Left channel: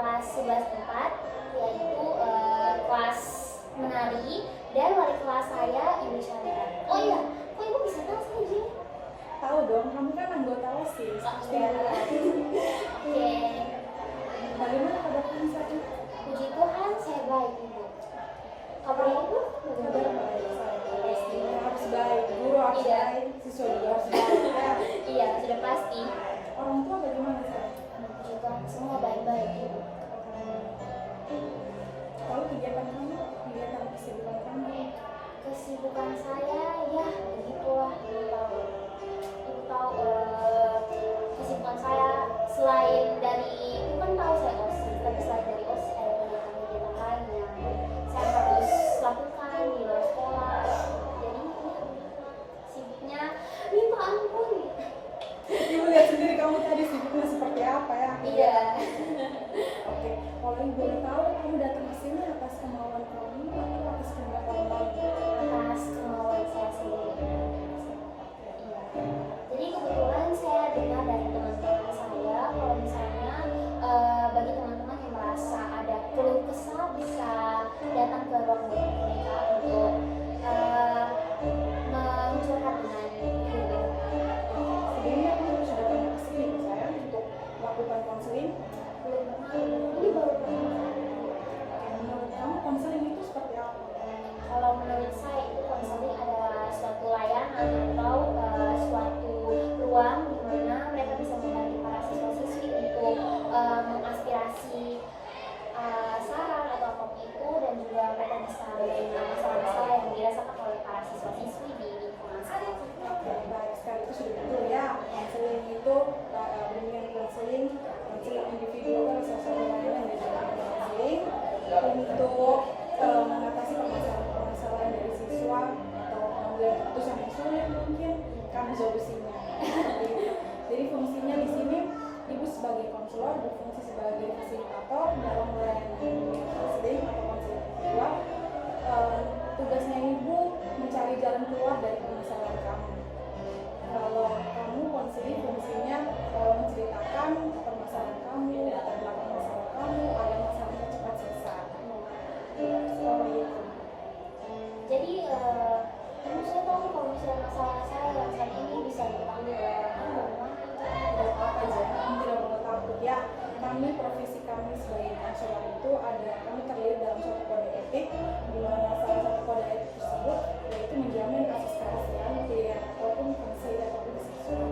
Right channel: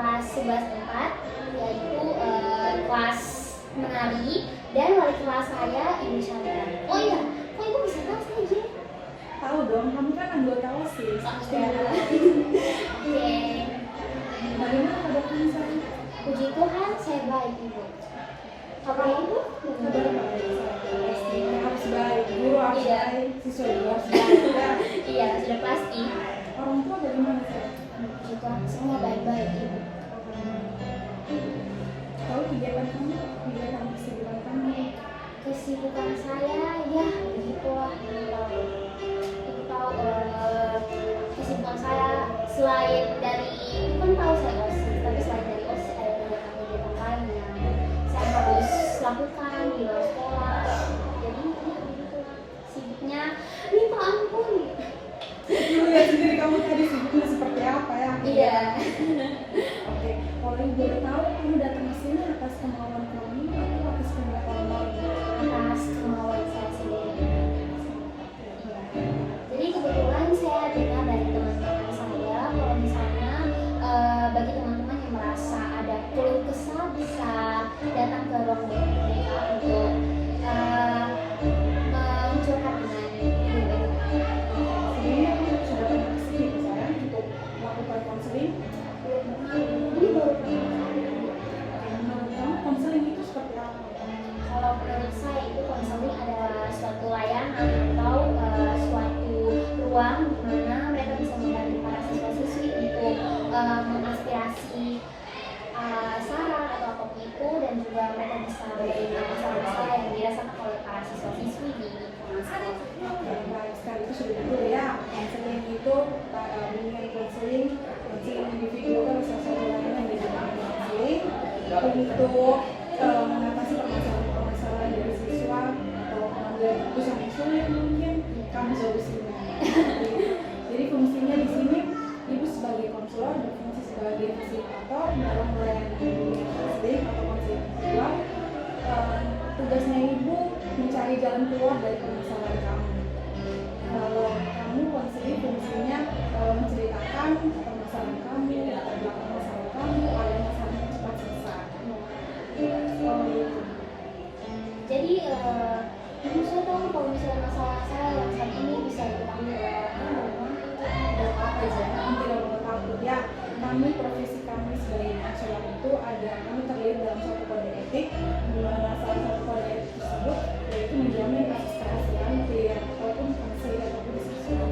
kelas 11 yaitu kelas menari, dan wali kelas saya Ibu Chandra. Oh iya, kok Ibu bisa tahu saya Jen? Tahu dong, kamu kan anggota OSIS. Oke. Bagaimana kabar kamu sekarang? Puji Tuhan saya baik Ibu. Kabar Ibu? Kabar baik. Pasti harus baik. Guru harus Iya. baik, siswa juga harus baik. Ya. Iya, sudah pasti. Orang tua bagaimana sih? Puji Tuhan semua baik-baik Ibu. Kalau kegiatan kamu, kegiatan kesibukan kamu? Kesibukan saya ya begitulah. Ibu tahu kesibukan saya selain dari Ibu kan tahu saya OSIS, tapi selain dari OSIS ada kegiatan-kegiatan lain yang saya harus lakukan di luar sekolah. Jadi ya begitu sibuknya minta ampun. Ibu lihat sendiri kamu tadi sibuknya seperti apa ya? Iya. Oke, kalau ibu boleh tahu, kamu datang ke sini atas kemauan kamu atau atas kehendak orang lain? Atas kemauan saya sendiri. Jadi kebetulan saya dengar dari teman-teman saya kalau misalnya bagi teman-teman yang merasa ada keluh kesah bisa datang ke ruang BK untuk mencurhat dengan ibu. Sebelumnya kamu sudah pernah ke sini saya untuk melakukan konseling? Belum pernah, ini baru pertama kali. Oke, menurut kamu konseling itu seperti apa? Kalau menurut saya itu konseling adalah suatu layanan atau suatu ruang di mana mereka bisa membantu para siswa-siswi untuk mengaspirasi saran atau apapun itu, dan juga mereka bisa menerima masalah-masalah yang dirasakan oleh para siswa-siswi di lingkungan sekolah. Oke, baik sekali, itu sudah betul ya. Konseling itu dengan konseling individu kan salah satu layanan yang diberikan konseling untuk mengatasi permasalahan dari siswa atau mengambil keputusan yang sulit mungkin kamu solusinya. Jadi fungsinya di sini ibu sebagai konselor berfungsi sebagai fasilitator dalam melayani konseling atau konseling individual. Tugasnya ibu mencari jalan keluar dari permasalahan kamu. Kalau kamu konseling fungsinya menceritakan permasalahan kamu, latar belakang masalah kamu, agar masalahnya cepat selesai. Seperti itu. Jadi ibu saya tahu kalau misalnya masalah saya yang saat ini bisa diketahui oleh orang lain. Tidak apa-apa aja, kamu tidak perlu takut ya. Kami profesi kami sebagai konselor itu ada, kami terlibat dalam satu kode etik, di mana salah satu kode etik tersebut yaitu menjamin kasus kerahasiaan ataupun ataupun siswa.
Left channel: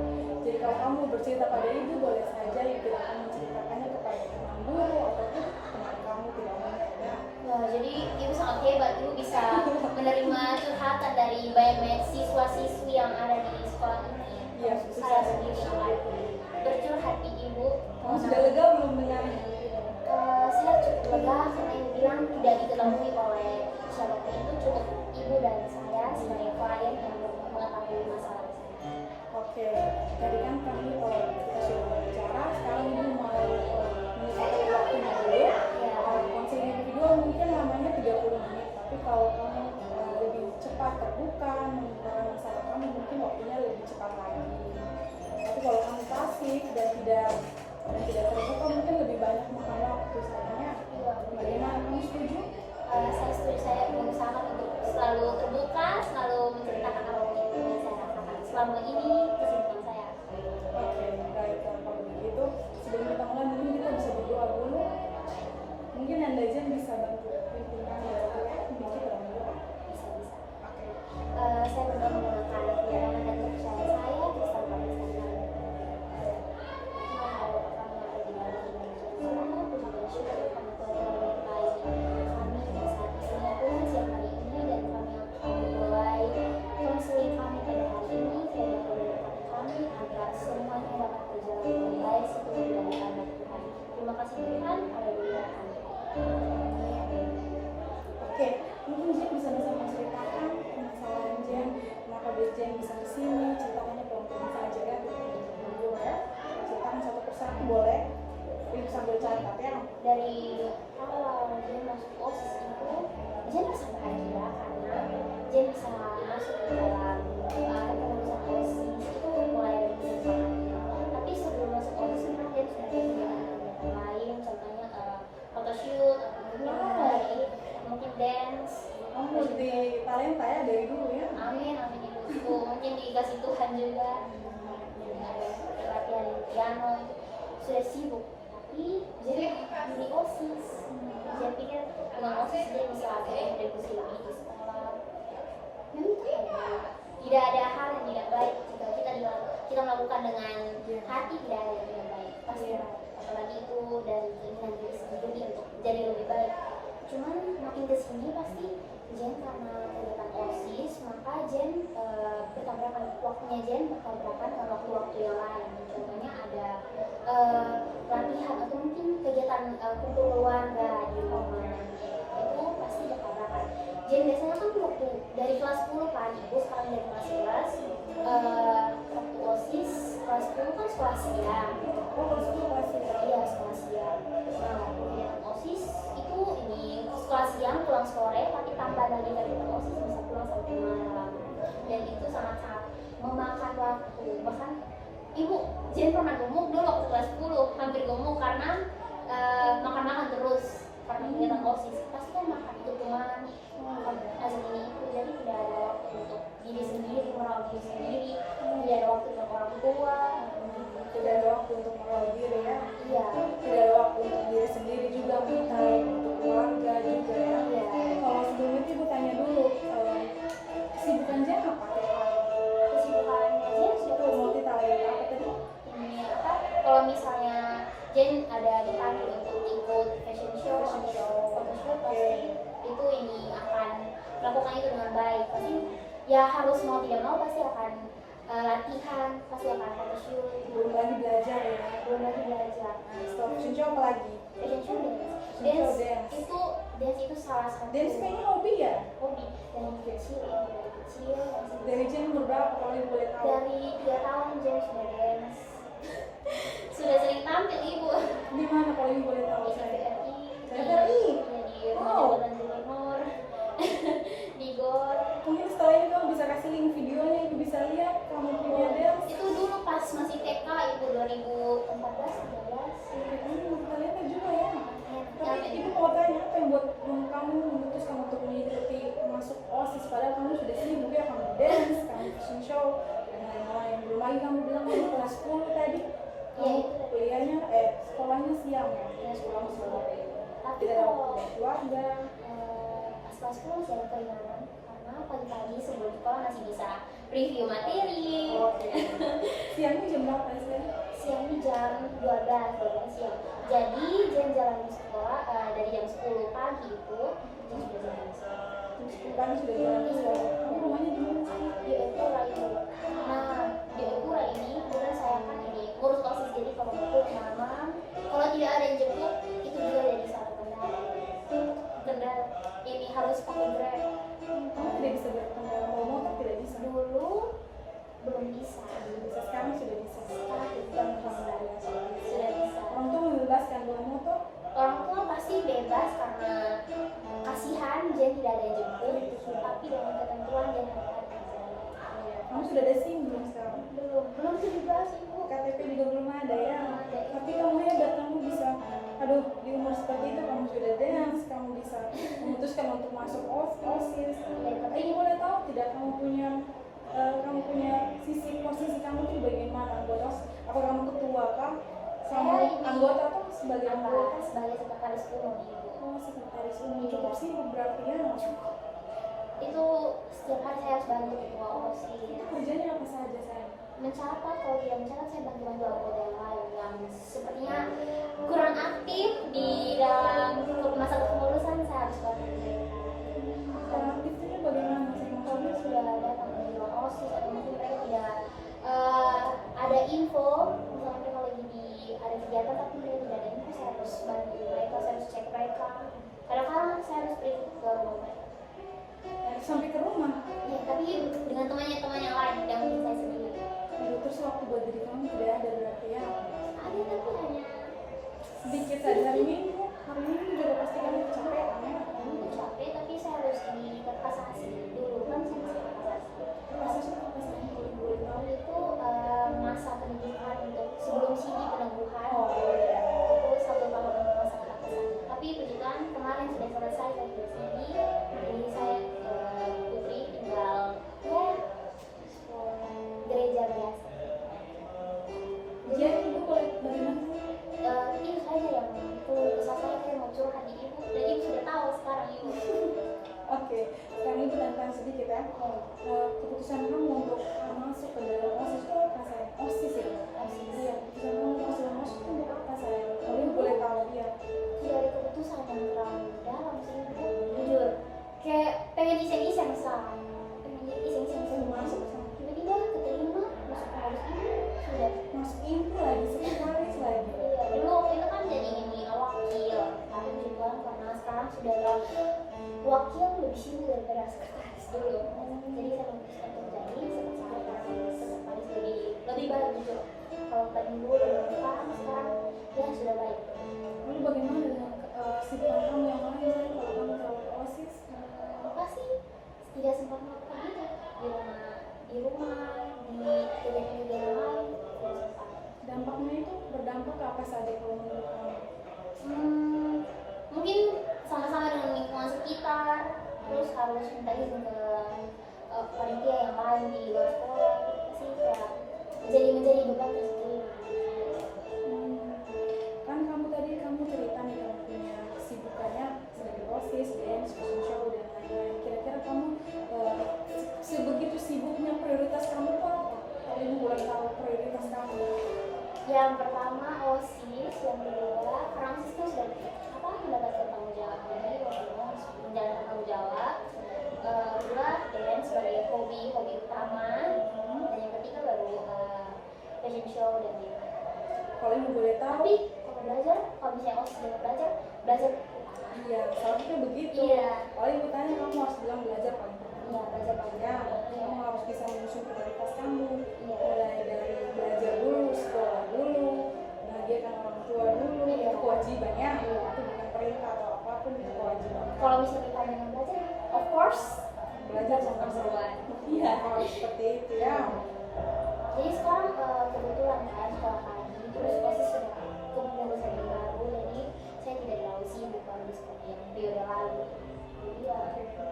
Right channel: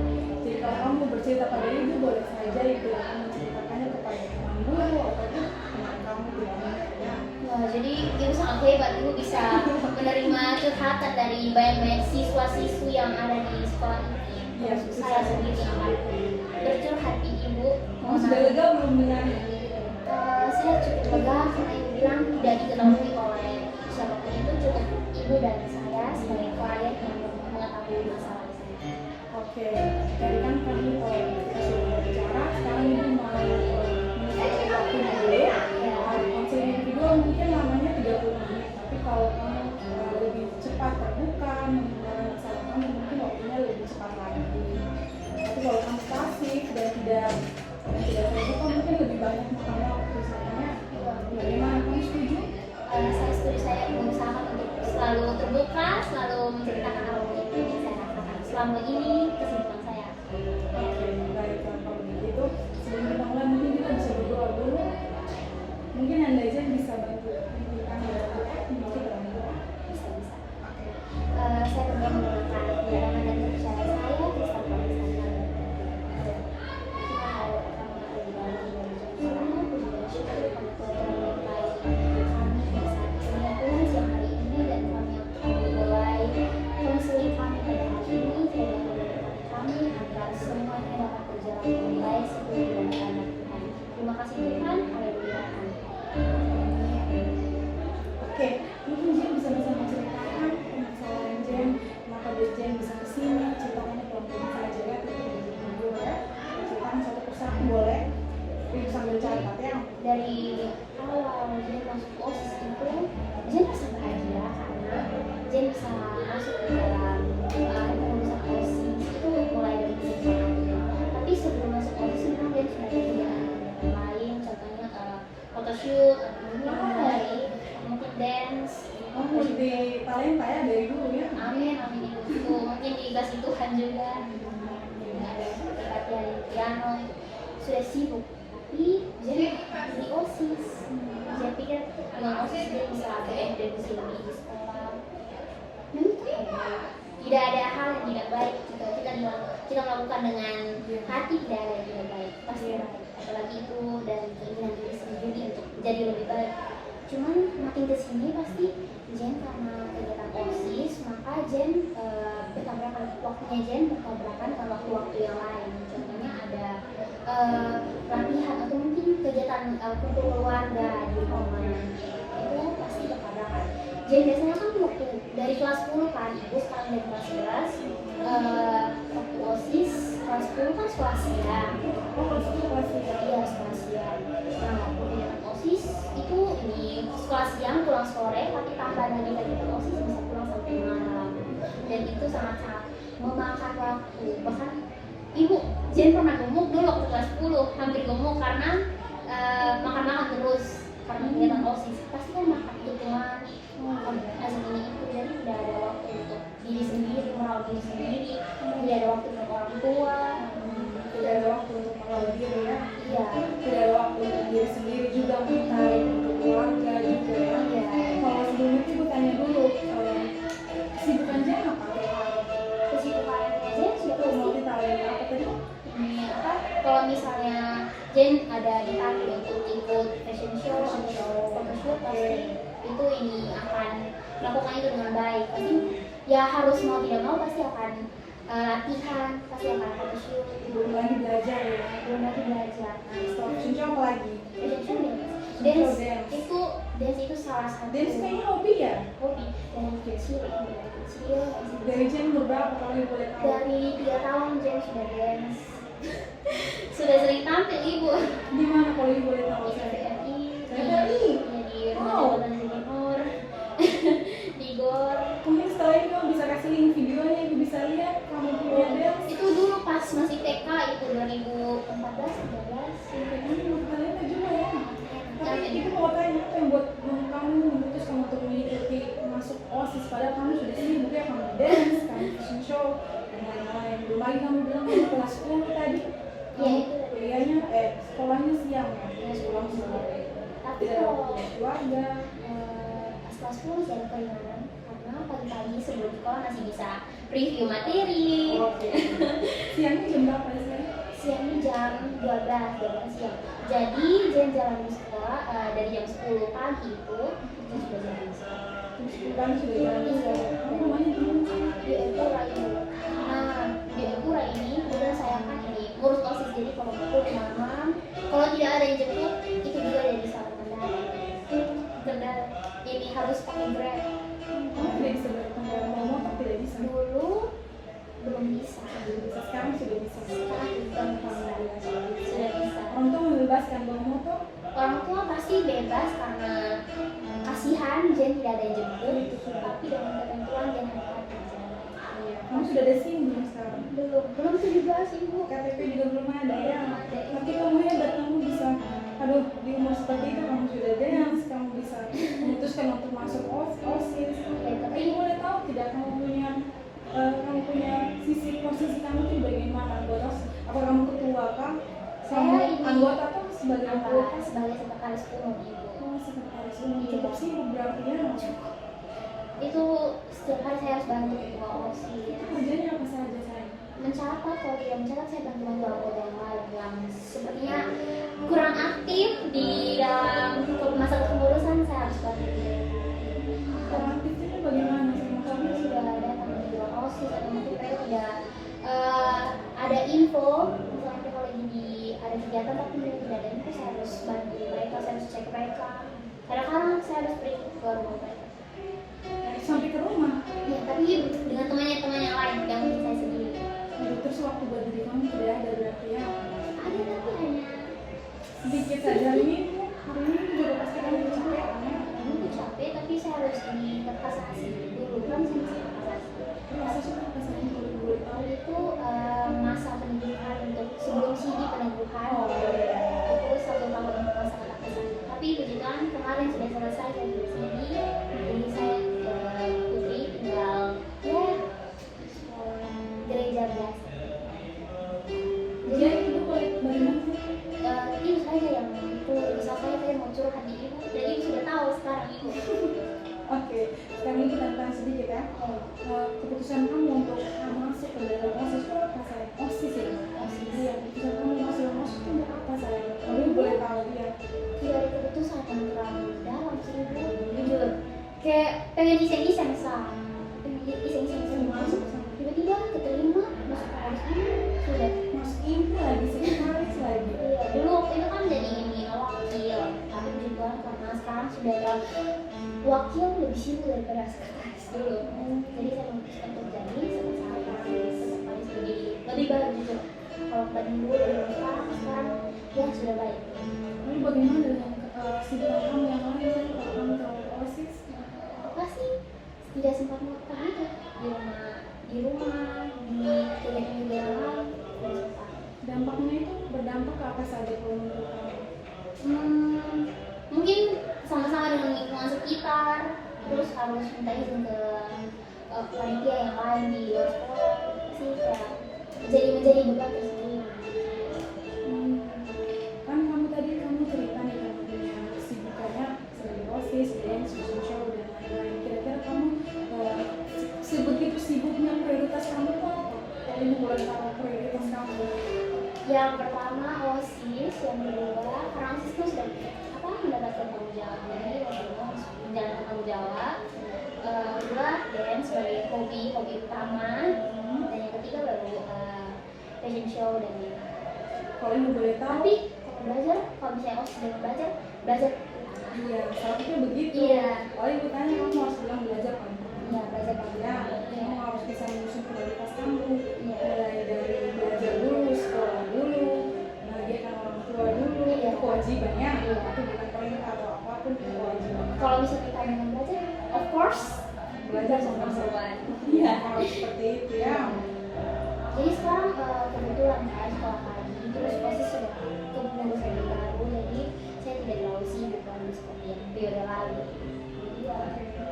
Jadi kalau kamu bercerita pada ibu, boleh saja ibu akan menceritakannya kepada teman guru ataupun teman kamu tidak minat ya. Wah, jadi ibu sangat hebat, ibu bisa menerima curhatan dari banyak-banyak siswa-siswi yang ada di sekolah ini. Iya, Saya sendiri bercurhat di ibu. Kamu sudah lega belum dengarnya? Saya cukup lega karena ibu bilang tidak diketahui oleh siapapun, itu cukup ibu dan saya sebagai klien yang mengetahui masalah saya. Oke, tadi kan kami kita sudah bicara, sekarang ibu mau menyelesaikan waktunya dulu. Konseling individual mungkin lamanya 30 menit, tapi kalau kamu lebih cepat terbuka, mengungkapkan masalah kamu, mungkin waktunya lebih cepat lagi. Tapi kalau kamu pasif dan tidak terbuka, mungkin lebih banyak makan waktu. Sebenarnya bagaimana, kamu setuju? Saya setuju, saya berusaha untuk selalu terbuka, selalu menceritakan apapun yang saya rasakan selama ini kesibukan saya. Oke, baik kalau begitu. Sebelum kita mulai, mungkin kita bisa berdoa dulu. Mungkin Anda aja bisa bantu hentikan doa, mungkin kita berdoa. Bisa. Saya berdoa menggunakan firman dan percaya saya Kristen Protestan. Konseling kami pada hari ini, kami agar semuanya dapat berjalan dengan baik seperti yang Tuhan. Terima kasih Tuhan. Haleluya. Oke, mungkin Jen bisa menceritakan masalah Jen, kenapa Jen bisa kesini, ceritanya pelan-pelan saja ya, tidak berdua ya. Ceritakan satu persatu boleh, tapi sambil catat ya. Dari awal Jen masuk OSIS itu, Jen sangat bahagia karena Jen bisa masuk ke dalam kepengurusan OSIS itu mulai dari SMA. Tapi sebelum masuk OSIS memang Jen sudah kerja lain, contohnya sibuk, tapi jadi di OSIS. Jadi pikir dengan OSIS dia bisa berkontribusi lebih di sekolah. Tidak ada hal yang tidak baik jika kita melakukan dengan hati, tidak ada yang tidak baik pasti. Apalagi itu dari keinginan diri sendiri untuk menjadi lebih baik. Cuman makin kesini pasti Jen karena kegiatan OSIS, maka Jen bertabrakan waktunya, Jen bertabrakan sama waktu yang lain. Contohnya ada latihan atau mungkin kegiatan kumpul keluarga di rumah, itu pasti bertabrakan. Jen biasanya kan waktu dari kelas 10 kan, ibu sekarang dari kelas 11, waktu OSIS kelas 10 kan sekolah siang. Iya, sekolah siang. Nah, kegiatan OSIS itu ini sekolah siang pulang sore, tapi tambah lagi kegiatan OSIS bisa pulang sampai malam, dan itu sangat memakan waktu. Bahkan ibu Jen pernah gemuk dulu waktu kelas 10, hampir gemuk karena makan terus karena kegiatan OSIS. Pasti kan makan itu teman azan ini itu, jadi tidak ada waktu untuk diri sendiri, merawat diri sendiri, tidak ada waktu untuk orang tua, tidak ada waktu untuk merawat diri ya. Iya. Tidak ada waktu untuk diri sendiri juga, untuk keluarga juga ya. Iya. Kalau sebelumnya sih gue tanya dulu, kesibukan Jen apa? Kesibukan Jen itu Multi talenta apa tadi? ini apa? Kalau misalnya Jen ada dipanggil untuk ikut fashion show atau photoshoot, pasti itu ini akan melakukan itu dengan baik. Pasti ya harus mau tidak mau pasti akan latihan, pasti akan photoshoot. Belum lagi belajar ya. Belum lagi belajar. Setelah fashion show apa lagi? Fashion show Dance. dance itu salah satu Dance kayaknya hobi ya? hobi dari kecil. Dari Jen berapa kalau ibu boleh tahu? Dari 3 tahun Jen sudah dance. Sudah sering tampil ibu Di mana kalau ibu boleh tahu di saya? TVRI, TVRI? di rumah jabatan gubernur, di GOR. Mungkin setelah ini kamu bisa kasih link videonya, ibu bisa lihat kamu punya dance. Itu dulu pas masih TK, itu 2014-13. Kayaknya talenta juga ya. Tapi itu mau tanya, apa yang buat kamu memutuskan untuk mengikuti masuk OSIS padahal kamu sudah sibuk ya, kamu dance, kamu fashion show, dan lain-lain. Belum lagi kamu bilang kamu kelas 10 tadi. Iya, itu. Kuliahnya, sekolahnya siang. Ya, Pulang sore. Tapi Tidak ada kalau waktu buat keluarga. pas kelas 10 masih ada keringanan karena pagi-pagi sebelum sekolah masih bisa review materi. Oke. Siangnya jam berapa sih? Siangnya jam 12 siang. Jadi jalan ke sekolah dari jam 10 pagi itu sudah jalan ke sekolah. Jam 10 pagi sudah jalan ke sekolah. Kamu rumahnya di mana sih? Di Epura ini. Nah, di Epura ini kemudian saya kan ini ngurus OSIS, jadi kalau jemput malam, kalau tidak ada yang jemput itu juga dari salah benar. Ini harus pakai Grab. Kamu tidak bisa berkendara motor, tidak bisa. Dulu belum bisa. Belum bisa, sekarang sudah bisa. Sekarang sudah bisa. Orang tua membebaskan bawa motor. Orang tua pasti bebas karena kasihan Jen tidak ada yang jemput, tapi dengan ketentuan Jen harus ada. Kamu sudah ada SIM belum sekarang? Belum 17 ibu. KTP juga belum ada ya. Belum ada. Tapi kamu hebat, kamu bisa. Aduh, di umur seperti itu kamu sudah dance, kamu bisa memutuskan untuk masuk OSIS. Tapi ibu boleh tahu tidak kamu punya sisi posisi kamu itu bagaimana? Anggota? Apa kamu ketua kah? Saya ini Anggota atau sebagai anggota? sebagai sekretaris umum ibu. Sekretaris umum cukup sibuk berarti ya. Itu setiap hari saya harus bantu ketua OSIS. Kerjanya apa saja saya? Mencatat, kalau tidak mencatat saya bantu anggota yang lain yang sepertinya kurang aktif di dalam masa kepengurusan, saya harus bantu. Kurang aktifnya bagaimana? Kami sudah datang di OSIS atau mungkin mereka tidak ada info, misalnya mereka lagi ada kegiatan tapi mereka tidak ada info, saya harus bantu mereka, saya harus cek mereka. Kadang-kadang saya harus pergi ke rumah mereka. Sampai ke rumah. Ya, tapi dengan temannya yang lain, yang mungkin saya sendiri. Terus waktu buat diri kamu tidak ada berarti ya? Ada tapi hanya Sedikit saja hari ini juga pasti kamu kecapean ya? dulu capek, tapi saya harus di kasasi dulu kan saya masih kasasi. Masa sih apa sih yang boleh tahu? Itu masa pendidikan untuk sebelum CD peneguhan. Oh, iya. Itu 1 tahun masa kasasi. Tapi puji Tuhan kemarin sudah selesai, saya sudah CD. Jadi saya putri tinggal ya gereja biasa. Jadi ibu boleh bagaimana sih? daripada sekretaris dulu. Jadi saya memutuskan untuk jadi sekretaris lebih baik gitu. Kalau tadi dulu sekarang ya sudah baik. Lalu bagaimana dengan kesibukan kamu yang lain? Saya kalau kamu terlalu OSIS, Apa sih tidak sempat makan gitu di rumah di kegiatan-kegiatan lain tidak sempat. dampaknya itu berdampak ke apa saja kalau menurut kamu? Mungkin sama-sama dengan lingkungan sekitar, terus harus minta izin ke panitia yang lain di luar sekolah sih kayak menjadi beban tersendiri. Kan kamu tadi cerita nih kamu punya kesibukannya sebagai OSIS, dance, fashion show dan lain-lain. Kira-kira kamu sebegitu sibuknya prioritas kamu kok? Ini boleh tahu prioritas kamu? Yang pertama OSIS, yang kedua karena OSIS itu sudah mendapatkan tanggung jawab, jadi waktu itu harus menjalankan tanggung jawab. Kedua dance sebagai hobi utama, dan yang ketiga baru fashion show dan lain-lain. Kalau ibu boleh tahu? Tapi kalau belajar, kalau misalnya OSIS dan belajar. Iya, seharusnya begitu. Iya. Kalau ibu tanya kamu harus bilang belajar kan? Iya, belajar paling Ya, kamu harus bisa menyusun prioritas kamu. Iya. Mulai dari belajar dulu, sekolah dulu, bahagiakan orang tua dulu, Iya. itu kewajibannya. Iya. Itu bukan perintah atau apapun, itu kewajiban. Kalau misalnya kita dengan belajar, of course Belajar sama nomor one. Iya, harus seperti itu ya. Jadi sekarang kebetulan kan sekolah kami terus OSIS sudah kepengurusan yang baru, jadi saya tidak terlalu sibuk lagi seperti yang periode lalu. Jadi ya,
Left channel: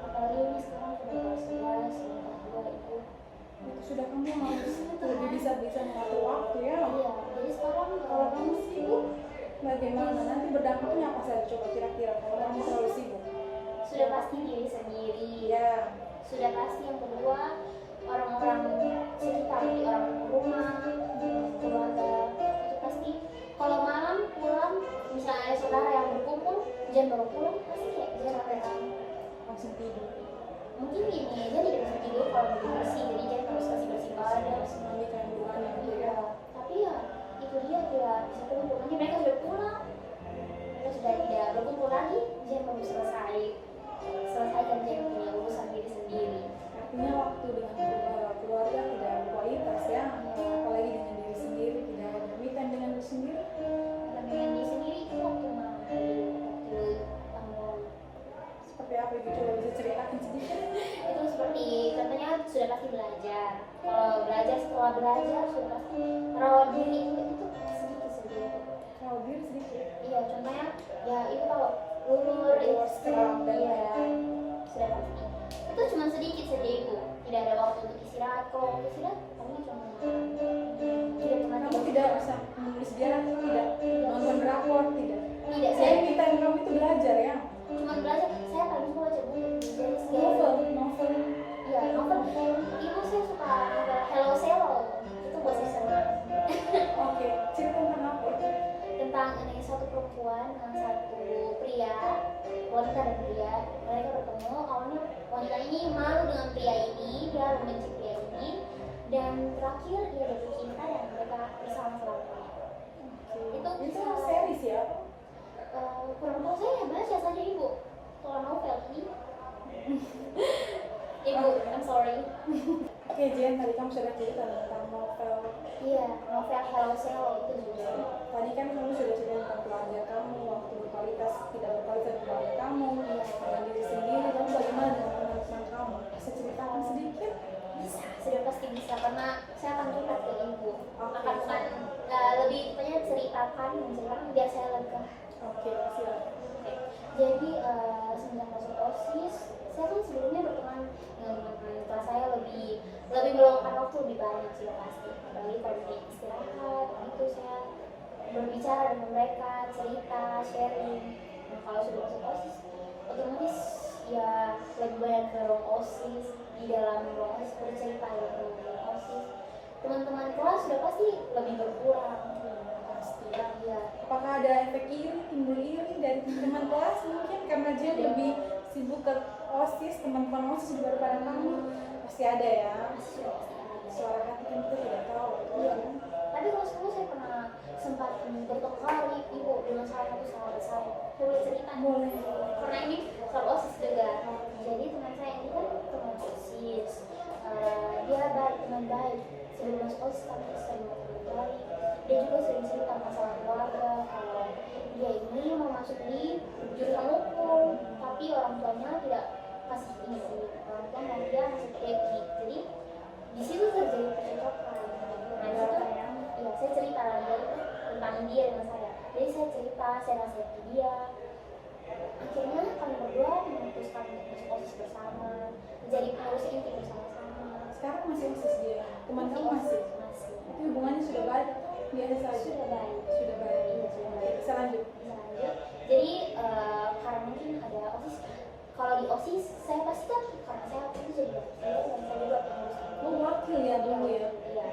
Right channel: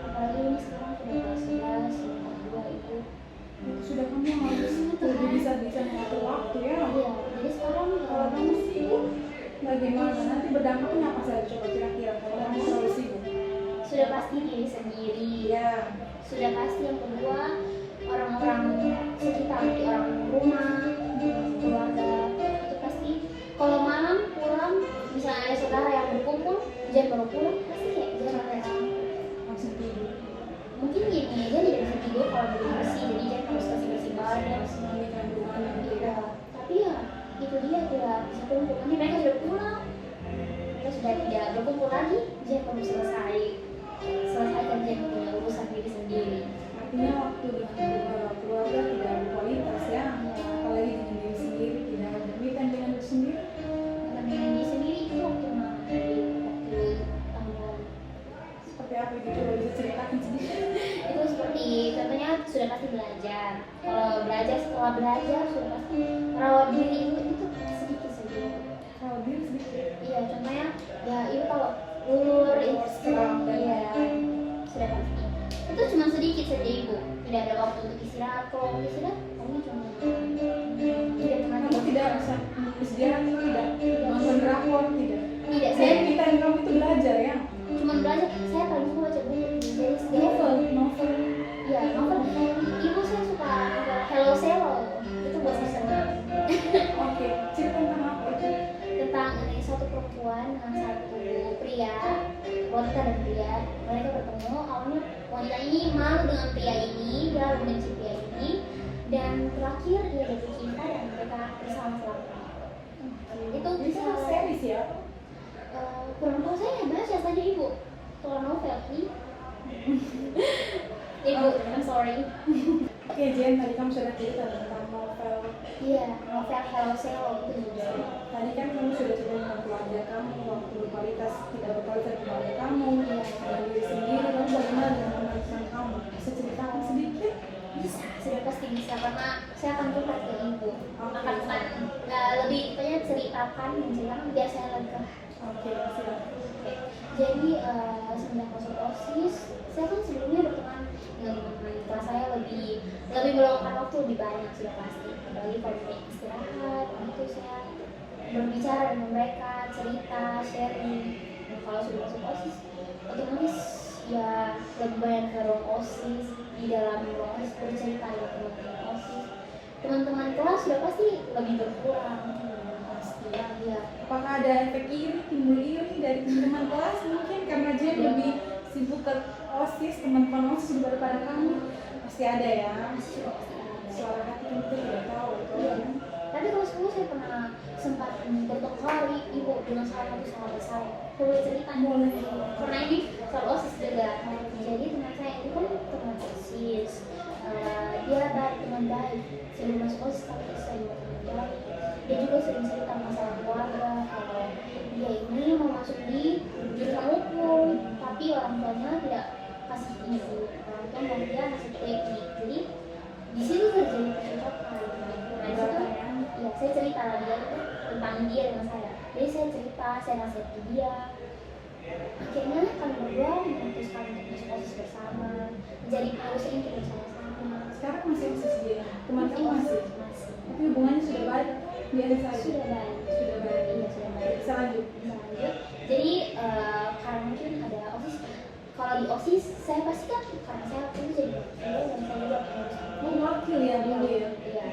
apalagi ini sekarang sudah kelas 11, sudah 2 itu. Sudah kamu harus lebih bisa mengatur waktu ya. Iya, jadi sekarang Kalau kamu sibuk, bagaimana? Nanti berdampaknya apa saja? Coba kira-kira kalau kamu terlalu sibuk. sudah pasti diri sendiri, Ya, sudah pasti yang kedua orang-orang sekitar, orang rumah, keluarga, itu pasti kalau malam pulang misalnya ada saudara yang berkumpul jangan baru pulang pasti kayak jangan mereka langsung tidur. mungkin gini aja tidak bisa tidur kalau belum bersih, jadi jangan harus kasih bersih badan Mandikan dulu anak. gitu. Tapi ya itu dia tidak bisa kumpul, nanti mereka sudah pulang, mereka sudah tidak berkumpul lagi, jangan perlu selesaikan jangan punya urusan diri sendiri. Artinya waktu dengan keluarga tidak berkualitas ya. Apalagi dengan diri sendiri, tidak ada berkaitan dengan diri sendiri. Dan dengan diri sendiri itu waktu waktu tanggal Seperti apa itu? Coba bisa ceritakan sedikit. itu seperti contohnya sudah pasti belajar. Kalau belajar setelah belajar sudah pasti merawat diri itu sedikit. Kalau diri sedikit. Iya, contohnya ya itu kalau lulur itu Seram dan iya sudah pasti. Itu cuma sedikit saja ibu. Tidak ada waktu untuk istirahat. Kalau waktu istirahat kamu cuma tidak pernah Kamu tidak bisa istirahat, tidak nonton drakor, tidak. tidak Saya saya kita kamu itu belajar ya. cuma belajar. Saya paling suka baca buku. Jadi setiap Novel. iya novel. Ibu saya suka Hello Selo. Itu bahasa seru. Oke, cerita tentang apa itu? Tentang ada satu perempuan dengan satu pria, wanita dan pria. Mereka bertemu, awalnya wanita ini malu dengan pria ini, dia membenci pria ini, dan terakhir dia jatuh cinta dan mereka bersama selamanya. Itu Ini kisah series ya? kurang tahu, saya baca saja ibu. Kalau novel ini ibu, I'm sorry. Oke, Jen, tadi kamu sudah cerita tentang novel. Iya, novel Hello Selo itu juga. Tadi kan kamu sudah cerita tentang keluarga kamu, waktu berkualitas tidak berkualitas dengan keluarga kamu, dengan diri sendiri, lalu bagaimana dengan teman-teman kamu? Bisa ceritakan sedikit? Bisa, sudah pasti bisa karena saya akan curhat ke ibu. Oke. Akan lebih banyak menceritakan biar saya lega. Oke, silakan. Jadi semenjak masuk OSIS, saya kan sebelumnya berteman dengan teman-teman kelas saya lebih meluangkan waktu lebih banyak sudah pasti. Apalagi kalau punya istirahat, itu saya berbicara dengan mereka, cerita, sharing. Dan kalau sudah masuk OSIS, otomatis ya lebih banyak ke ruang OSIS, di dalam ruang OSIS bercerita dengan teman-teman OSIS. Teman-teman kelas sudah pasti lebih berkurang. Pasti. Ya, Apakah ada efek iri, timbul iri dari teman-teman kelas mungkin karena Jen lebih sibuk ke OSIS, teman-teman OSIS daripada kamu? Pasti ada ya. masih ada. Suara hati kan kita tidak tahu. Iya. Tapi terus dulu saya pernah sempat bertemu kali ibu bilang sama saya. Coba cerita Boleh. karena ini soal OSIS juga. Jadi teman saya itu masuk OSIS. Dia teman baik sebelum masuk OSIS, tapi sering bercerita. Dia juga sering cerita masalah keluarga, kalau dia ini mau masuk di jurusan hukum, tapi orang tuanya tidak kasih izin. Orang tua mau dia masuk teknik, jadi di situ terjadi percekcokan. Nah itu ya saya cerita lagi tentang dia dengan saya. Jadi saya cerita, saya nasihati dia. Akhirnya kami berdua memutuskan untuk masuk OSIS bersama, menjadi pengurus inti bersama-sama. Sekarang masih OSIS dia, teman kamu masih? Masih. Tapi hubungannya sudah baik atau biasa saja? Sudah baik. Sudah baik. Iya, sudah baik. Bisa lanjut. Lanjut. Jadi karena mungkin ada OSIS. Kalau di OSIS saya pasti kan karena saya waktu itu jadi wakil dan saya juga pengurus. Oh, wakil ya dulu ya? Iya.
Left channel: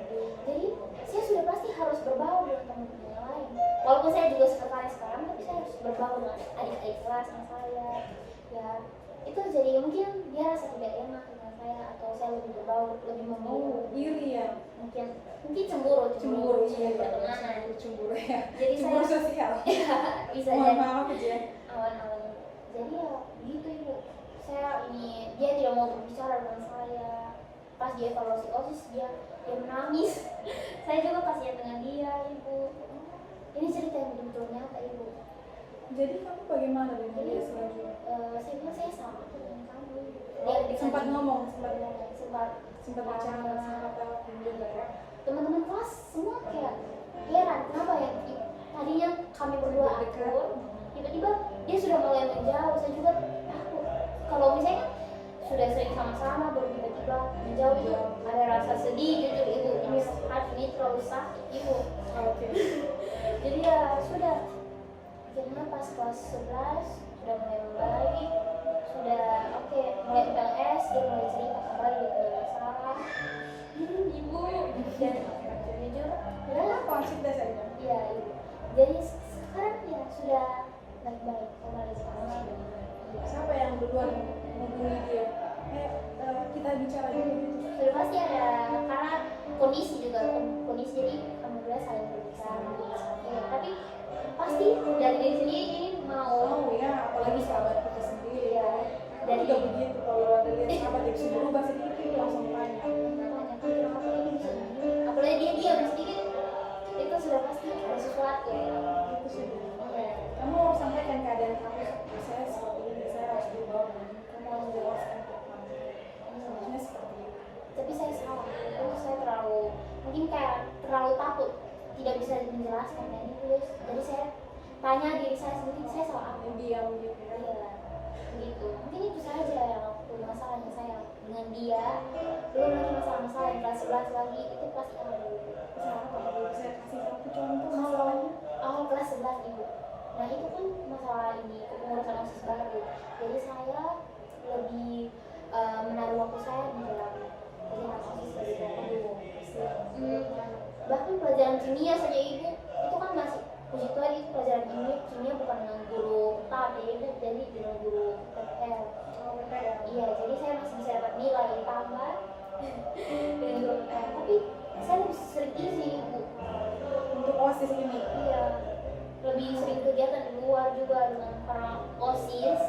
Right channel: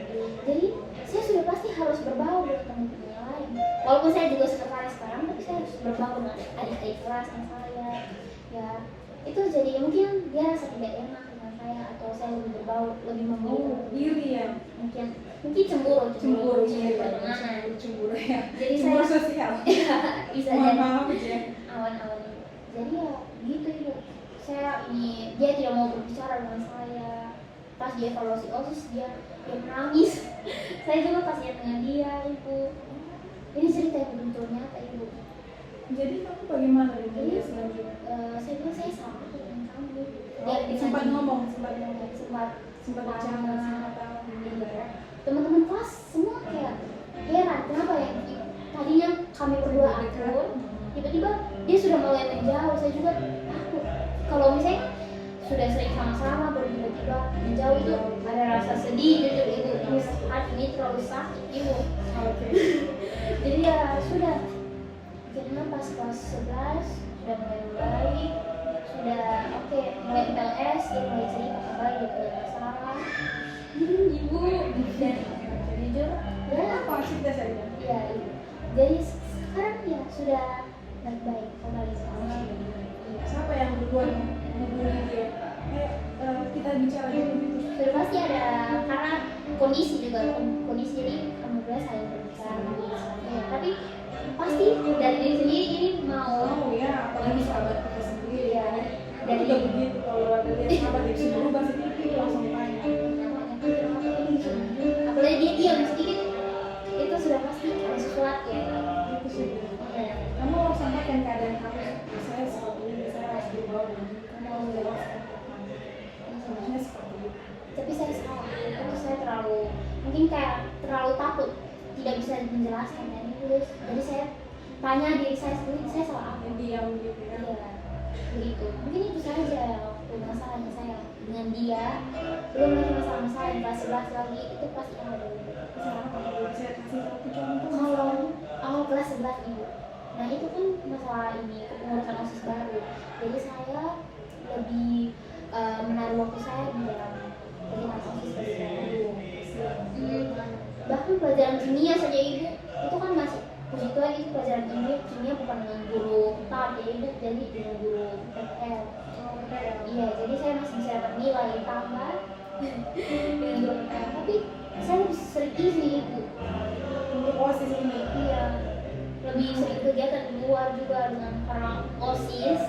Jadi saya sudah pasti harus berbaur dengan teman-teman yang lain. Walaupun saya juga sekretaris sekarang, tapi saya harus berbaur dengan adik-adik kelas yang saya. Ya itu jadi mungkin dia rasa tidak enak dengan saya, atau saya lebih berbaur, lebih memilih. Iri ya? Mungkin cemburu pertemanan. Cemburu ya? Jadi Cemburu saya sosial? bisa jadi Maaf aja. awan-awan. Jadi ya gitu hidup saya ini. Dia tidak mau berbicara dengan saya. Pas dia evaluasi OSIS dia menangis. Saya juga kasihan dengan dia, ibu. Ini cerita yang betul nyata, ibu. Jadi kamu bagaimana dengan dia selanjutnya? Saya bilang saya sama dengan kamu. Sempat ngomong, sempat bicara sama tahu juga ya? teman-teman kelas semua kayak heran kenapa ya, tadinya kami berdua akur, tiba-tiba dia sudah mulai menjauh. Saya juga takut kalau misalnya sudah sering sama-sama baru tiba-tiba menjauh, itu ada rasa sedih gitu. Ini hati ini terlalu sakit ibu. Oke. Jadi ya sudah, akhirnya pas kelas 11 sudah mulai membaik, sudah oke, mulai LS, dia mulai cerita kembali dia punya masalah. Ibu dan jujur ya Apa cerita saja? iya ibu. Jadi sekarang ya sudah baik-baik kembali sama iya. Siapa yang duluan menghubungi dia? Kita bicara dulu. Sudah pasti ada, karena kondisi juga kondisi, jadi alhamdulillah saling berbicara. Ya tapi pasti dari diri sendiri ini mau. Oh ya, apalagi sahabat kita sendiri ya. Dari Juga begitu, kalau ada lihat sahabat yang sudah berubah sedikit itu langsung tanya. apalagi dia diam sedikit, itu sudah pasti ada sesuatu. Itu sih. Ya. Kamu harus sampaikan keadaan kamu. Saya seperti ini, saya harus dibawa. Kamu harus menjelaskan. Sebenarnya seperti itu. Tapi saya salah, itu saya terlalu, mungkin kayak terlalu takut tidak bisa menjelaskan dan itu. Jadi saya tanya diri saya sendiri, saya salah apa? Yang diam gitu ya. Iya, begitu. Mungkin itu saja waktu masalahnya saya dengan dia. Belum lagi masalah-masalah yang kelas 11 lagi, itu pasti ada. Misalnya kalau saya kasih satu contoh. Awal kelas 11 ibu. Nah itu kan masalah ini kepengurusan OSIS baru. Jadi saya lebih menaruh waktu saya di dalam kegiatan OSIS baru. Bahkan pelajaran kimia saja ibu, itu kan masih puji Tuhan itu pelajaran kimia bukan dengan guru tetap, jadi dengan guru PPL. Iya, jadi saya masih bisa dapat nilai tambah dengan guru PPL. Tapi saya lebih sering izin ibu Untuk OSIS ini. iya, lebih sering kegiatan di luar juga dengan orang OSIS.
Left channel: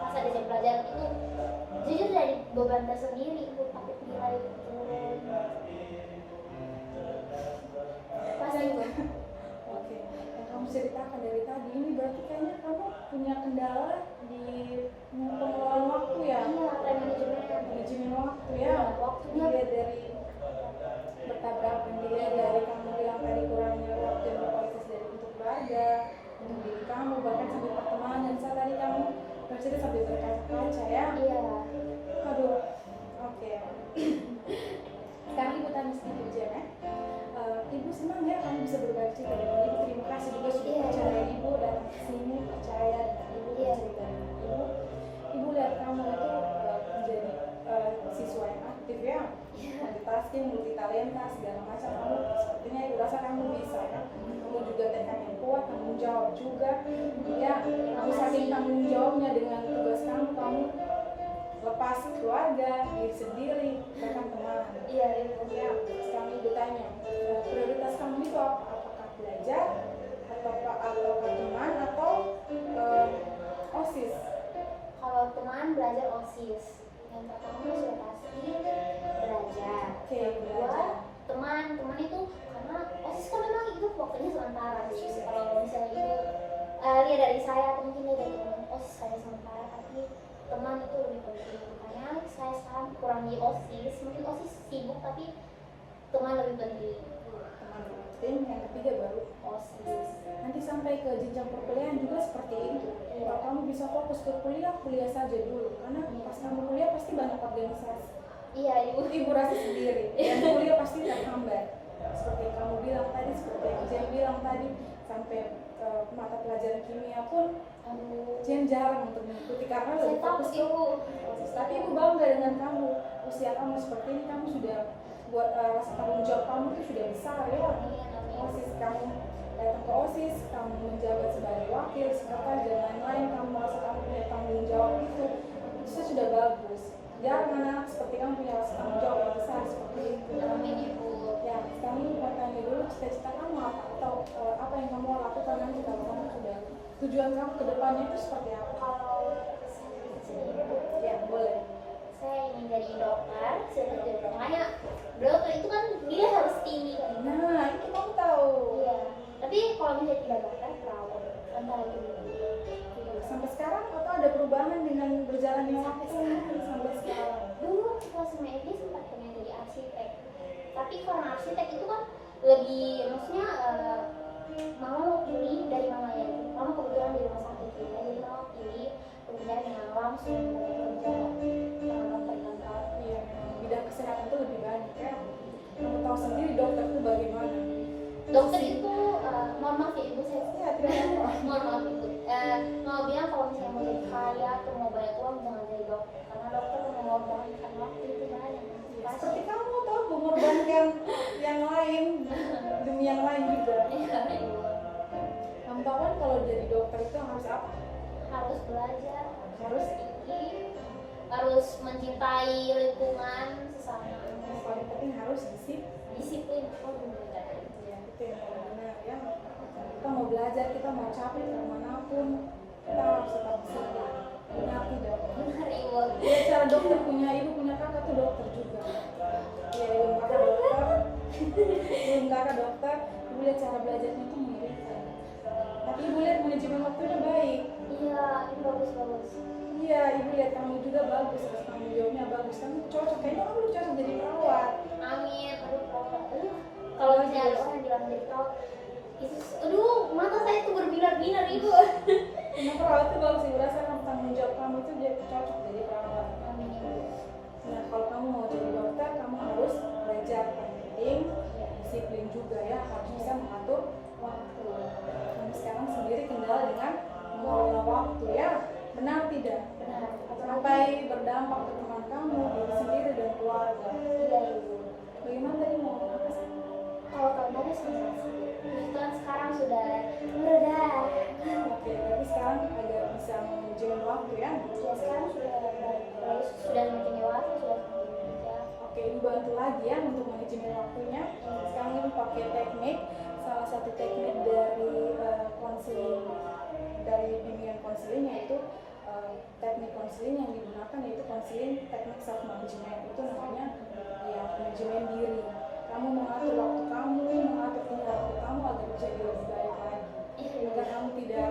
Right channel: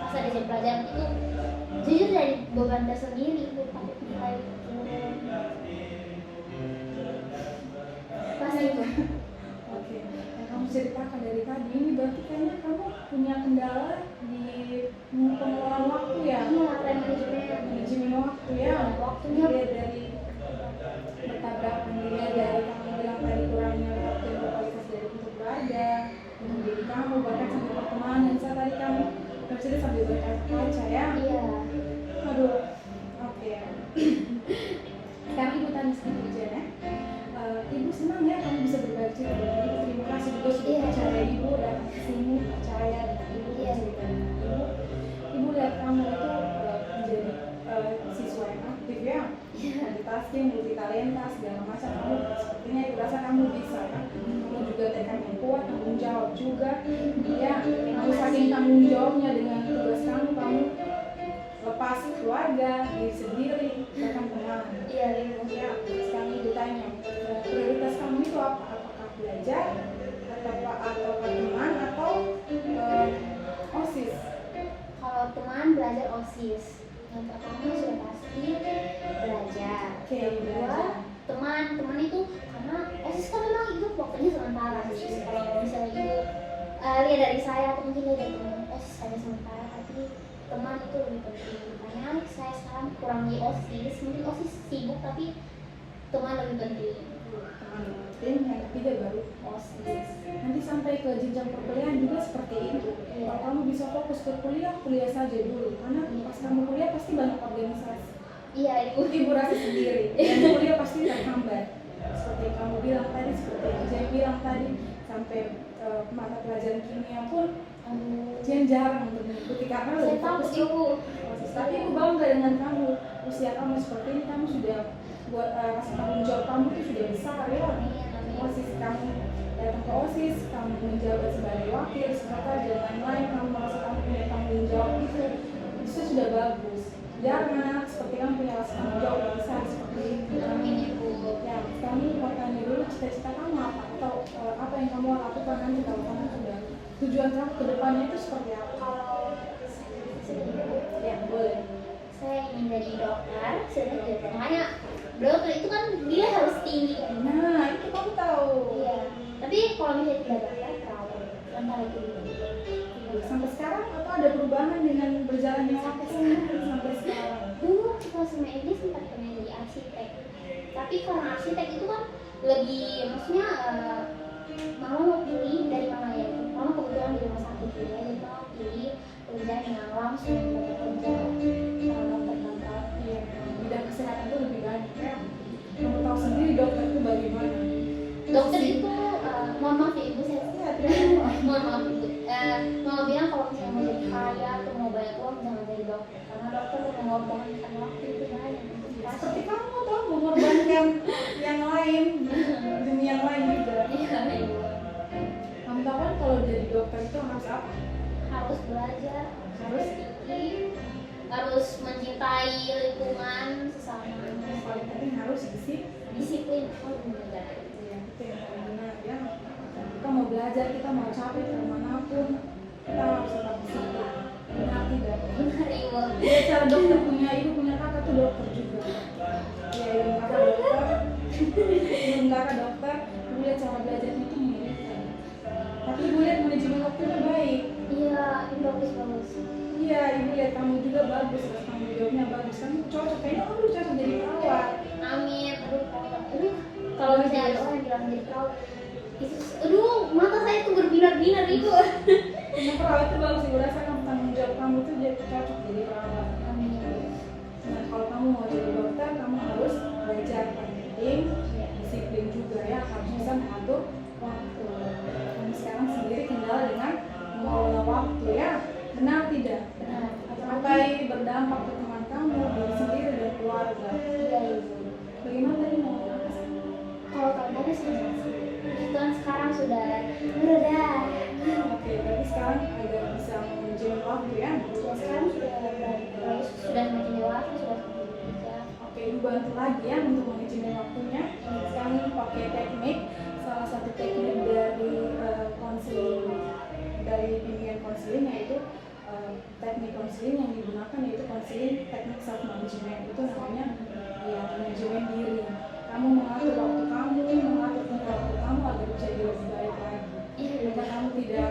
Pas ada jam pelajaran itu jujur dari beban tersendiri ibu, dapat nilai di luar. Pasti ibu. Oke, yang kamu ceritakan dari tadi ini berarti kayaknya kamu punya kendala di pengelolaan waktu ya? Iya, time management. Manajemen waktu ya? Waktunya. Dilihat dari bertabrakan, dilihat dari kamu bilang tadi kurangnya waktu yang berkualitas dari untuk keluarga, untuk diri kamu, bahkan sampai pertemanan. Saat tadi kamu bercerita sambil berkaca ya? Iya. Aduh, oke. Sekarang ibu tanya sedikit aja ya. Ibu senang ya kamu bisa berbagi cerita dengan ibu. Terima kasih juga sudah percaya ibu datang ke sini, percaya ibu cerita dengan ibu. Ibu lihat kamu itu menjadi siswa yang aktif ya, multitasking, multitalenta segala macam. Kamu sepertinya ibu rasa kamu bisa ya. Kamu juga tekad yang kuat, tanggung jawab juga. Ya, kamu saking tanggung jawabnya dengan tugas kamu lepas keluarga, diri sendiri, bahkan teman. Iya, ibu. Ya, sekarang ibu tanya, prioritas kamu itu apa? Apakah belajar, atau teman, atau OSIS? Kalau teman belajar OSIS, yang pertama sudah misalnya dari saya atau mungkin dari teman OSIS saya sementara, tapi teman itu lebih penting. Makanya saya sekarang kurang di OSIS, mungkin OSIS sibuk tapi teman lebih penting. Teman penting, yang ketiga baru OSIS. nanti sampai ke jenjang perkuliahan juga seperti itu. Kalau kamu bisa fokus ke kuliah, kuliah saja dulu, karena pas kamu kuliah pasti banyak organisasi. Iya ibu. Ibu rasa sendiri, dan kuliah pasti terhambat. Seperti yang kamu bilang tadi, seperti yang Jen bilang tadi, sampai mata pelajaran kimia pun Jen jarang untuk mengikuti karena Saya lebih takut fokus ibu. Tapi ibu bangga dengan kamu, usia kamu seperti ini, kamu sudah buat rasa tanggung jawab kamu itu sudah besar ya. OSIS kamu datang ke OSIS, kamu menjabat sebagai wakil, sekretaris dan lain-lain, kamu merasa kamu punya tanggung jawab itu sudah bagus. Jarang anak seperti kamu punya rasa tanggung jawab yang besar seperti itu. Ya, kami mau tanya dulu cita-cita kamu apa, atau apa yang kamu lakukan nanti kalau kamu sudah tujuan kamu ke depannya itu seperti apa? Ya, boleh. Saya ingin jadi dokter, makanya dokter itu kan nilai harus tinggi. Nah, itu kamu tahu. Iya. Tapi kalau misalnya tidak dokter, perawat, antara itu. Sampai sekarang atau ada perubahan dengan berjalannya waktu sampai sekarang? Dulu kalau sama SD sempat pengen jadi arsitek, tapi karena arsitek itu kan lebih, maksudnya mau ini dari mana ya? Karena kebetulan di rumah sakit ya, jadi mau pilih pekerjaan yang langsung dapat kerja sama dokter-dokter. Iya, bidang kesehatan itu lebih banyak ya. Kamu tahu sendiri dokter itu bagaimana? Dokter itu, mohon maaf ya ibu, saya Ya, terima kasih. mohon maaf ibu, mau bilang kalau misalnya mau jadi kaya atau mau banyak uang jangan jadi dokter, karena dokter mengorbankan waktu itu banyak. Seperti kamu tuh mengorbankan yang lain demi yang lain juga. Iya ibu. Kamu tahu kan kalau jadi dokter itu harus apa? Harus belajar, Harus tinggi, harus mencintai lingkungan sesama, yang paling penting harus disiplin. ya, itu yang paling benar ya. Kita mau belajar, kita mau capek kemanapun, kita harus tetap disiplin. Benar tidak? Benar ibu. Ya, cara dokter punya ibu punya kakak tuh dokter juga. Ya, ibu kakak dokter, ibu kakak dokter, ibu lihat cara belajarnya tuh mirip kan. Tapi ibu lihat manajemen waktunya baik. Iya, ini bagus. Iya, ibu lihat kamu juga bagus, rasa tanggung jawabnya bagus. Kamu cocok, kayaknya kamu cocok jadi perawat. Amin. Kalau misalnya ada orang bilang jadi perawat, itu, aduh, mata saya tuh berbinar-binar ibu. Karena perawat itu bagus, ibu rasa kamu tanggung jawab kamu tuh jadi cocok jadi perawat. Amin. Nah, kalau kamu mau jadi dokter, kamu harus belajar penting, disiplin juga ya, harus bisa mengatur waktu. Kamu sekarang sendiri kendala dengan mengelola waktu ya, benar tidak? Benar. Sampai berdampak ke teman kamu, diri sendiri dan keluarga. Iya ibu. Bagaimana tadi mau apa sih? Kalau tadi sudah kebetulan sekarang sudah mereda. Oke, tapi sekarang agak bisa manajemen waktu ya. Ya sekarang sudah semakin dewasa, sudah semakin bekerja. Oke, ibu bantu lagi ya untuk manajemen waktunya. Sekarang ibu pakai teknik, salah satu teknik dari konseling, dari bimbingan konseling yaitu teknik konseling yang digunakan yaitu konseling teknik self management. Itu namanya ya manajemen diri. Kamu mengatur waktu kamu, mengatur tingkah waktu kamu agar jadi lebih baik lagi. Iya Agar kamu tidak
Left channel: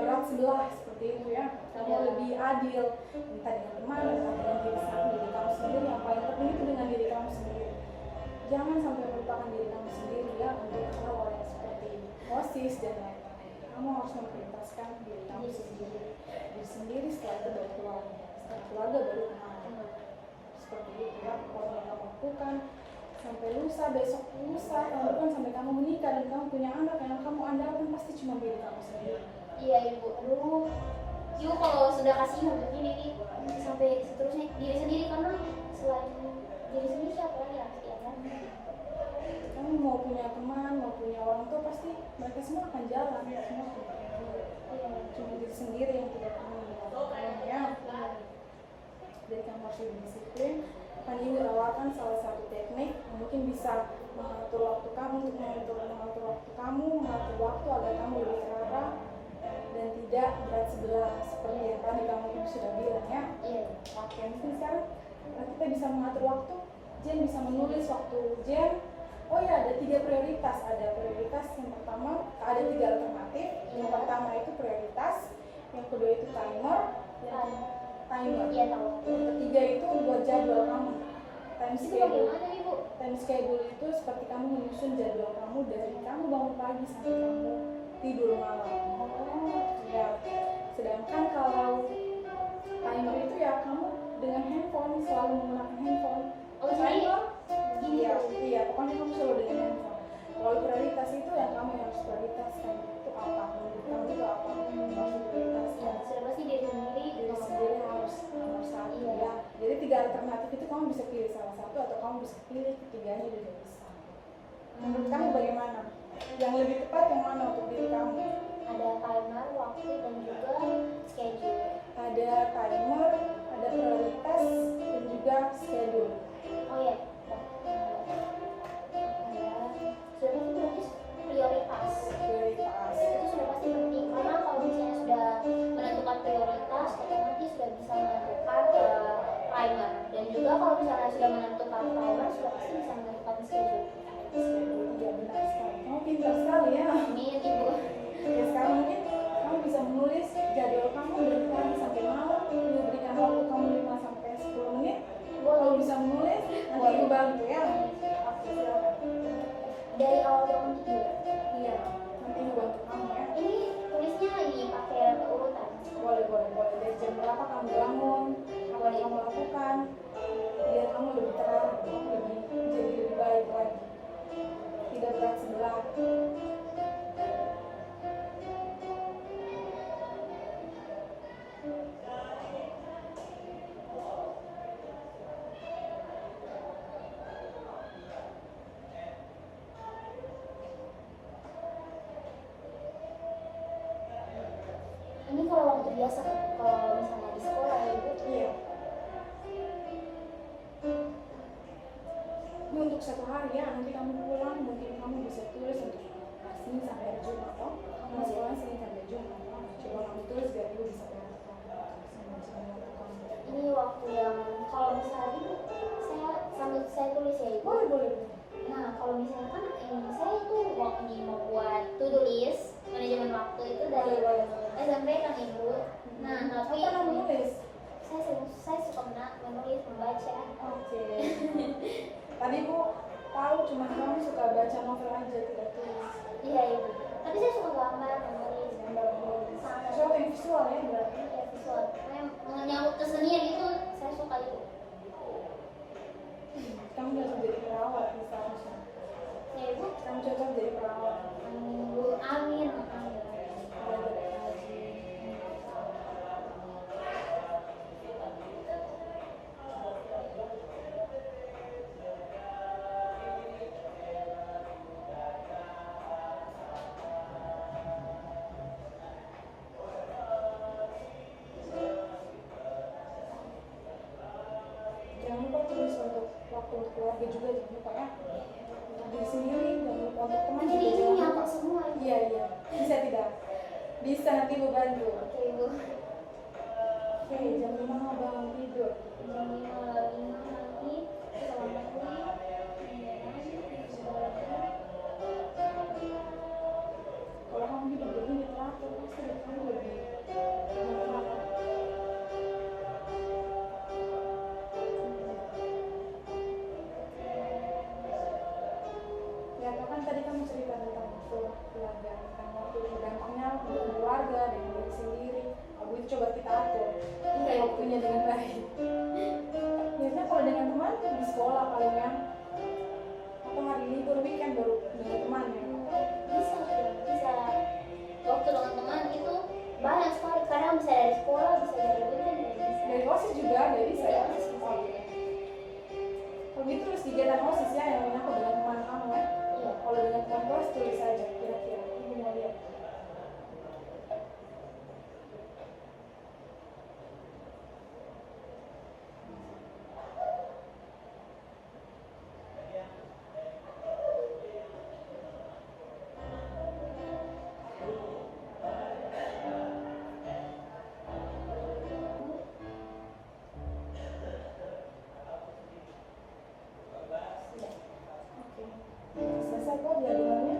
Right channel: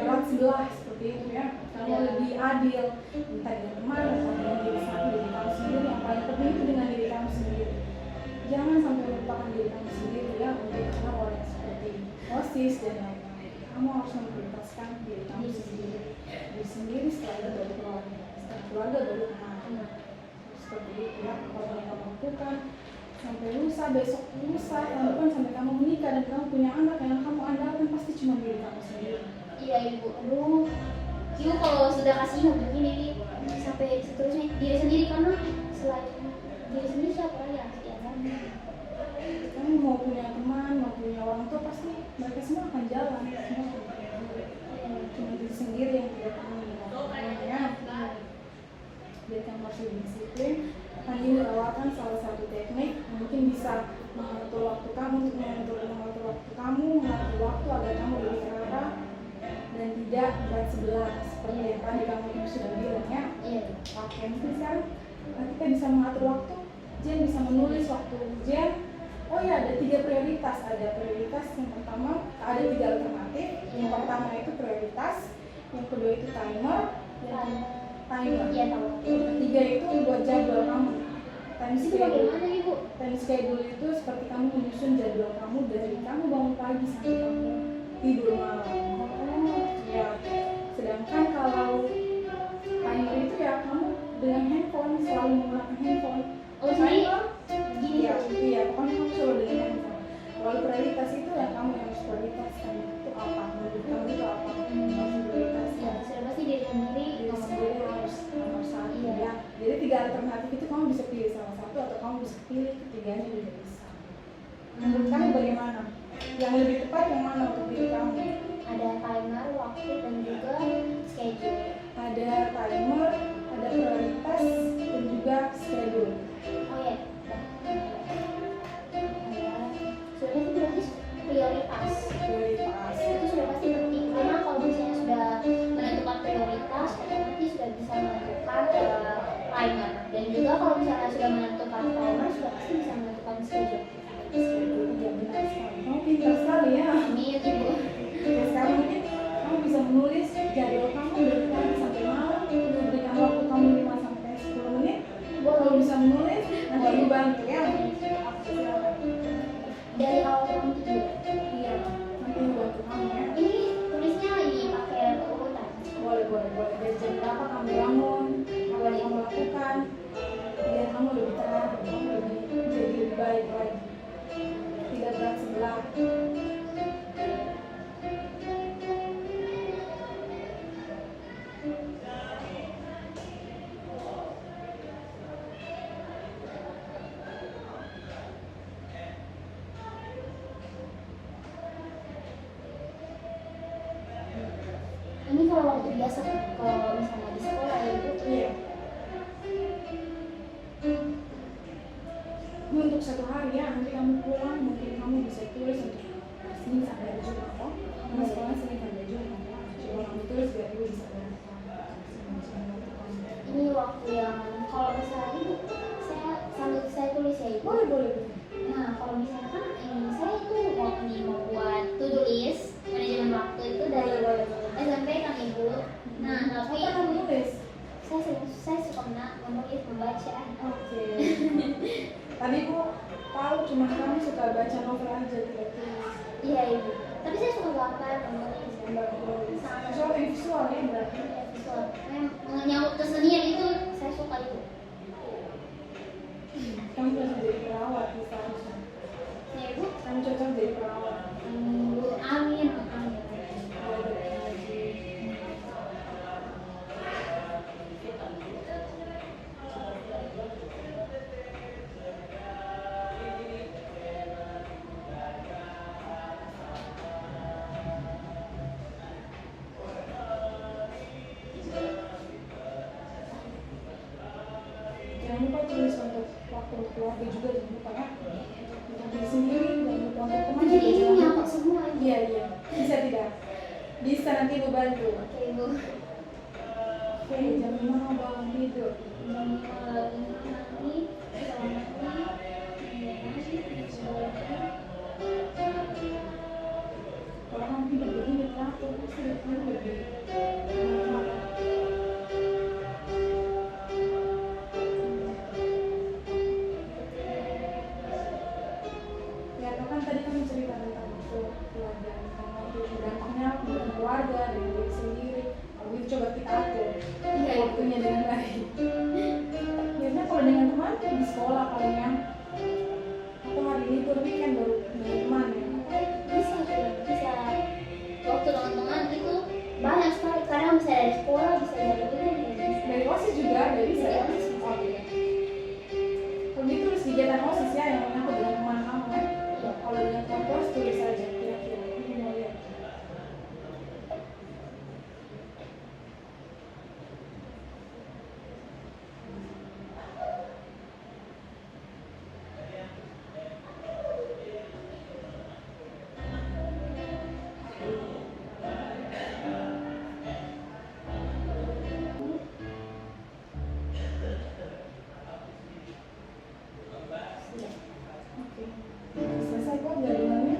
berat sebelah seperti itu ya. Kamu lebih adil entah dengan teman, entah dengan diri kamu sendiri. Yang paling penting itu dengan diri kamu sendiri. Jangan sampai melupakan diri kamu sendiri ya untuk hal yang seperti OSIS dan lain-lain. Kamu harus memprioritaskan diri kamu sendiri. Diri sendiri setelah itu baru keluarga. Setelah keluarga baru teman-teman. Seperti itu ya. Kalau yang kamu lakukan sampai lusa, besok lusa, tahun depan sampai kamu menikah dan kamu punya anak yang kamu andalkan pasti cuma diri kamu sendiri. Iya ibu. Aduh, ibu kalau sudah kasih begini sampai seterusnya diri sendiri, karena selain diri sendiri siapa lagi yang harus diandalkan? Kamu mau punya teman, mau punya orang tua pasti mereka semua akan jalan. Semua akan jalan. Cuma diri sendiri yang tidak tahu ya. Jadi kamu harus lebih disiplin. Akan ini tawarkan salah satu teknik yang mungkin bisa mengatur waktu kamu, untuk mengatur waktu kamu, mengatur waktu agar kamu lebih terarah dan tidak berat sebelah seperti yang tadi kamu ibu sudah bilang ya. Iya. Oke, mungkin sekarang kita bisa mengatur waktu. Jen bisa menulis waktu Jen. Oh ya, ada 3 prioritas. Ada prioritas yang pertama, ada 3 menyusun jadwal kamu dari kamu bangun pagi sampai kamu tidur malam. Ya, sedangkan kalau timer itu ya kamu dengan handphone selalu menggunakan handphone. Oh jadi gini Iya, iya, pokoknya kamu selalu dengan handphone. Kalau prioritas itu ya kamu yang harus prioritaskan itu apa, menurut kamu itu apa harus prioritaskan. sudah pasti diri sendiri Diri sendiri harus nomor satu ya. Jadi 3 alternatif itu kamu bisa pilih salah satu atau kamu bisa pilih ketiganya juga bisa. Menurut kamu bagaimana? Yang lebih tepat yang mana untuk diri kamu? ada timer, waktu dan juga schedule. Ada timer, ada prioritas dan juga schedule. Oh ya, sudah pasti berarti prioritas. Prioritas. Itu sudah pasti penting karena kalau misalnya sudah menentukan prioritas, otomatis sudah bisa menentukan timer. Dan juga kalau misalnya sudah menentukan timer, sudah pasti bisa menentukan schedule. Iya benar sekali. Kamu pintar sekali ya. Amin ibu. Ya, sekarang mungkin kamu bisa menulis jadwal kamu dari pagi sampai malam. Ibu berikan waktu kamu 5 sampai 10 menit. Kamu bisa menulis, nanti ibu bantu ya. Dari awal bangun tidur. Iya, nanti ibu bantu kamu ya. Ini tulisnya ini pakai urutan. Boleh. Dari jam berapa kamu bangun, apa yang kamu lakukan, biar kamu lebih terang, kamu jadi lebih baik lagi. Tidak berat sebelah. Ini kalau waktu biasa, kalau misalnya di sekolah ya ibu. Iya. Ini untuk satu hari ya, nanti kamu pulang mungkin kamu bisa tulis untuk Senin sampai Jumat atau sekolah Senin sampai Jumat. Coba kamu tulis biar ibu bisa lihat. Ini waktu yang kalau misalnya ibu, saya sambil saya tulis ya ibu. Boleh. Nah kalau misalnya kan ini saya itu waktu ini mau buat to-do list manajemen waktu itu dari SMP kan ibu. Nah tapi Apa kamu tulis? saya suka menulis membaca. Oke. Tadi ibu tahu cuma kamu suka baca novel aja tidak tulis. Iya ibu. Tapi saya suka gambar menulis. Sesuatu yang visual ya berarti. Visual. Menyangkut kesenian itu saya suka ibu. Kamu bisa jadi perawat bisa harusnya. Ya ibu. Kamu cocok jadi perawat. Amin. Jangan lupa tulis untuk waktu keluarga juga jangan lupa ya. Untuk diri sendiri dan untuk teman Jadi juga ini jangan lupa. nyangkut semua ibu. Iya. Bisa tidak? Bisa nanti ibu bantu. Oke ibu. Oke, jam 5 mau bangun tidur. Kalau kamu hidup begini teratur, pasti hidup kamu lebih normal. Ya, kan tadi kamu cerita tentang keluarga, tentang waktu dampaknya untuk keluarga dan diri sendiri. Kalau itu coba kita atur waktunya dengan baik. Biasanya kalau dengan teman di sekolah paling ya, atau hari libur weekend baru dengan teman ya. Bisa waktu teman-teman itu banyak sekali. Kadang bisa dari sekolah, bisa dari rumah, Dari OSIS juga ada bisa ya. Oke. Kalau gitu tulis kegiatan OSIS ya yang menyangkut dengan teman kamu ya. Kalau dengan teman kelas tulis saja kira-kira. Ini mau lihat. Oke. Selesai kok jadwalnya?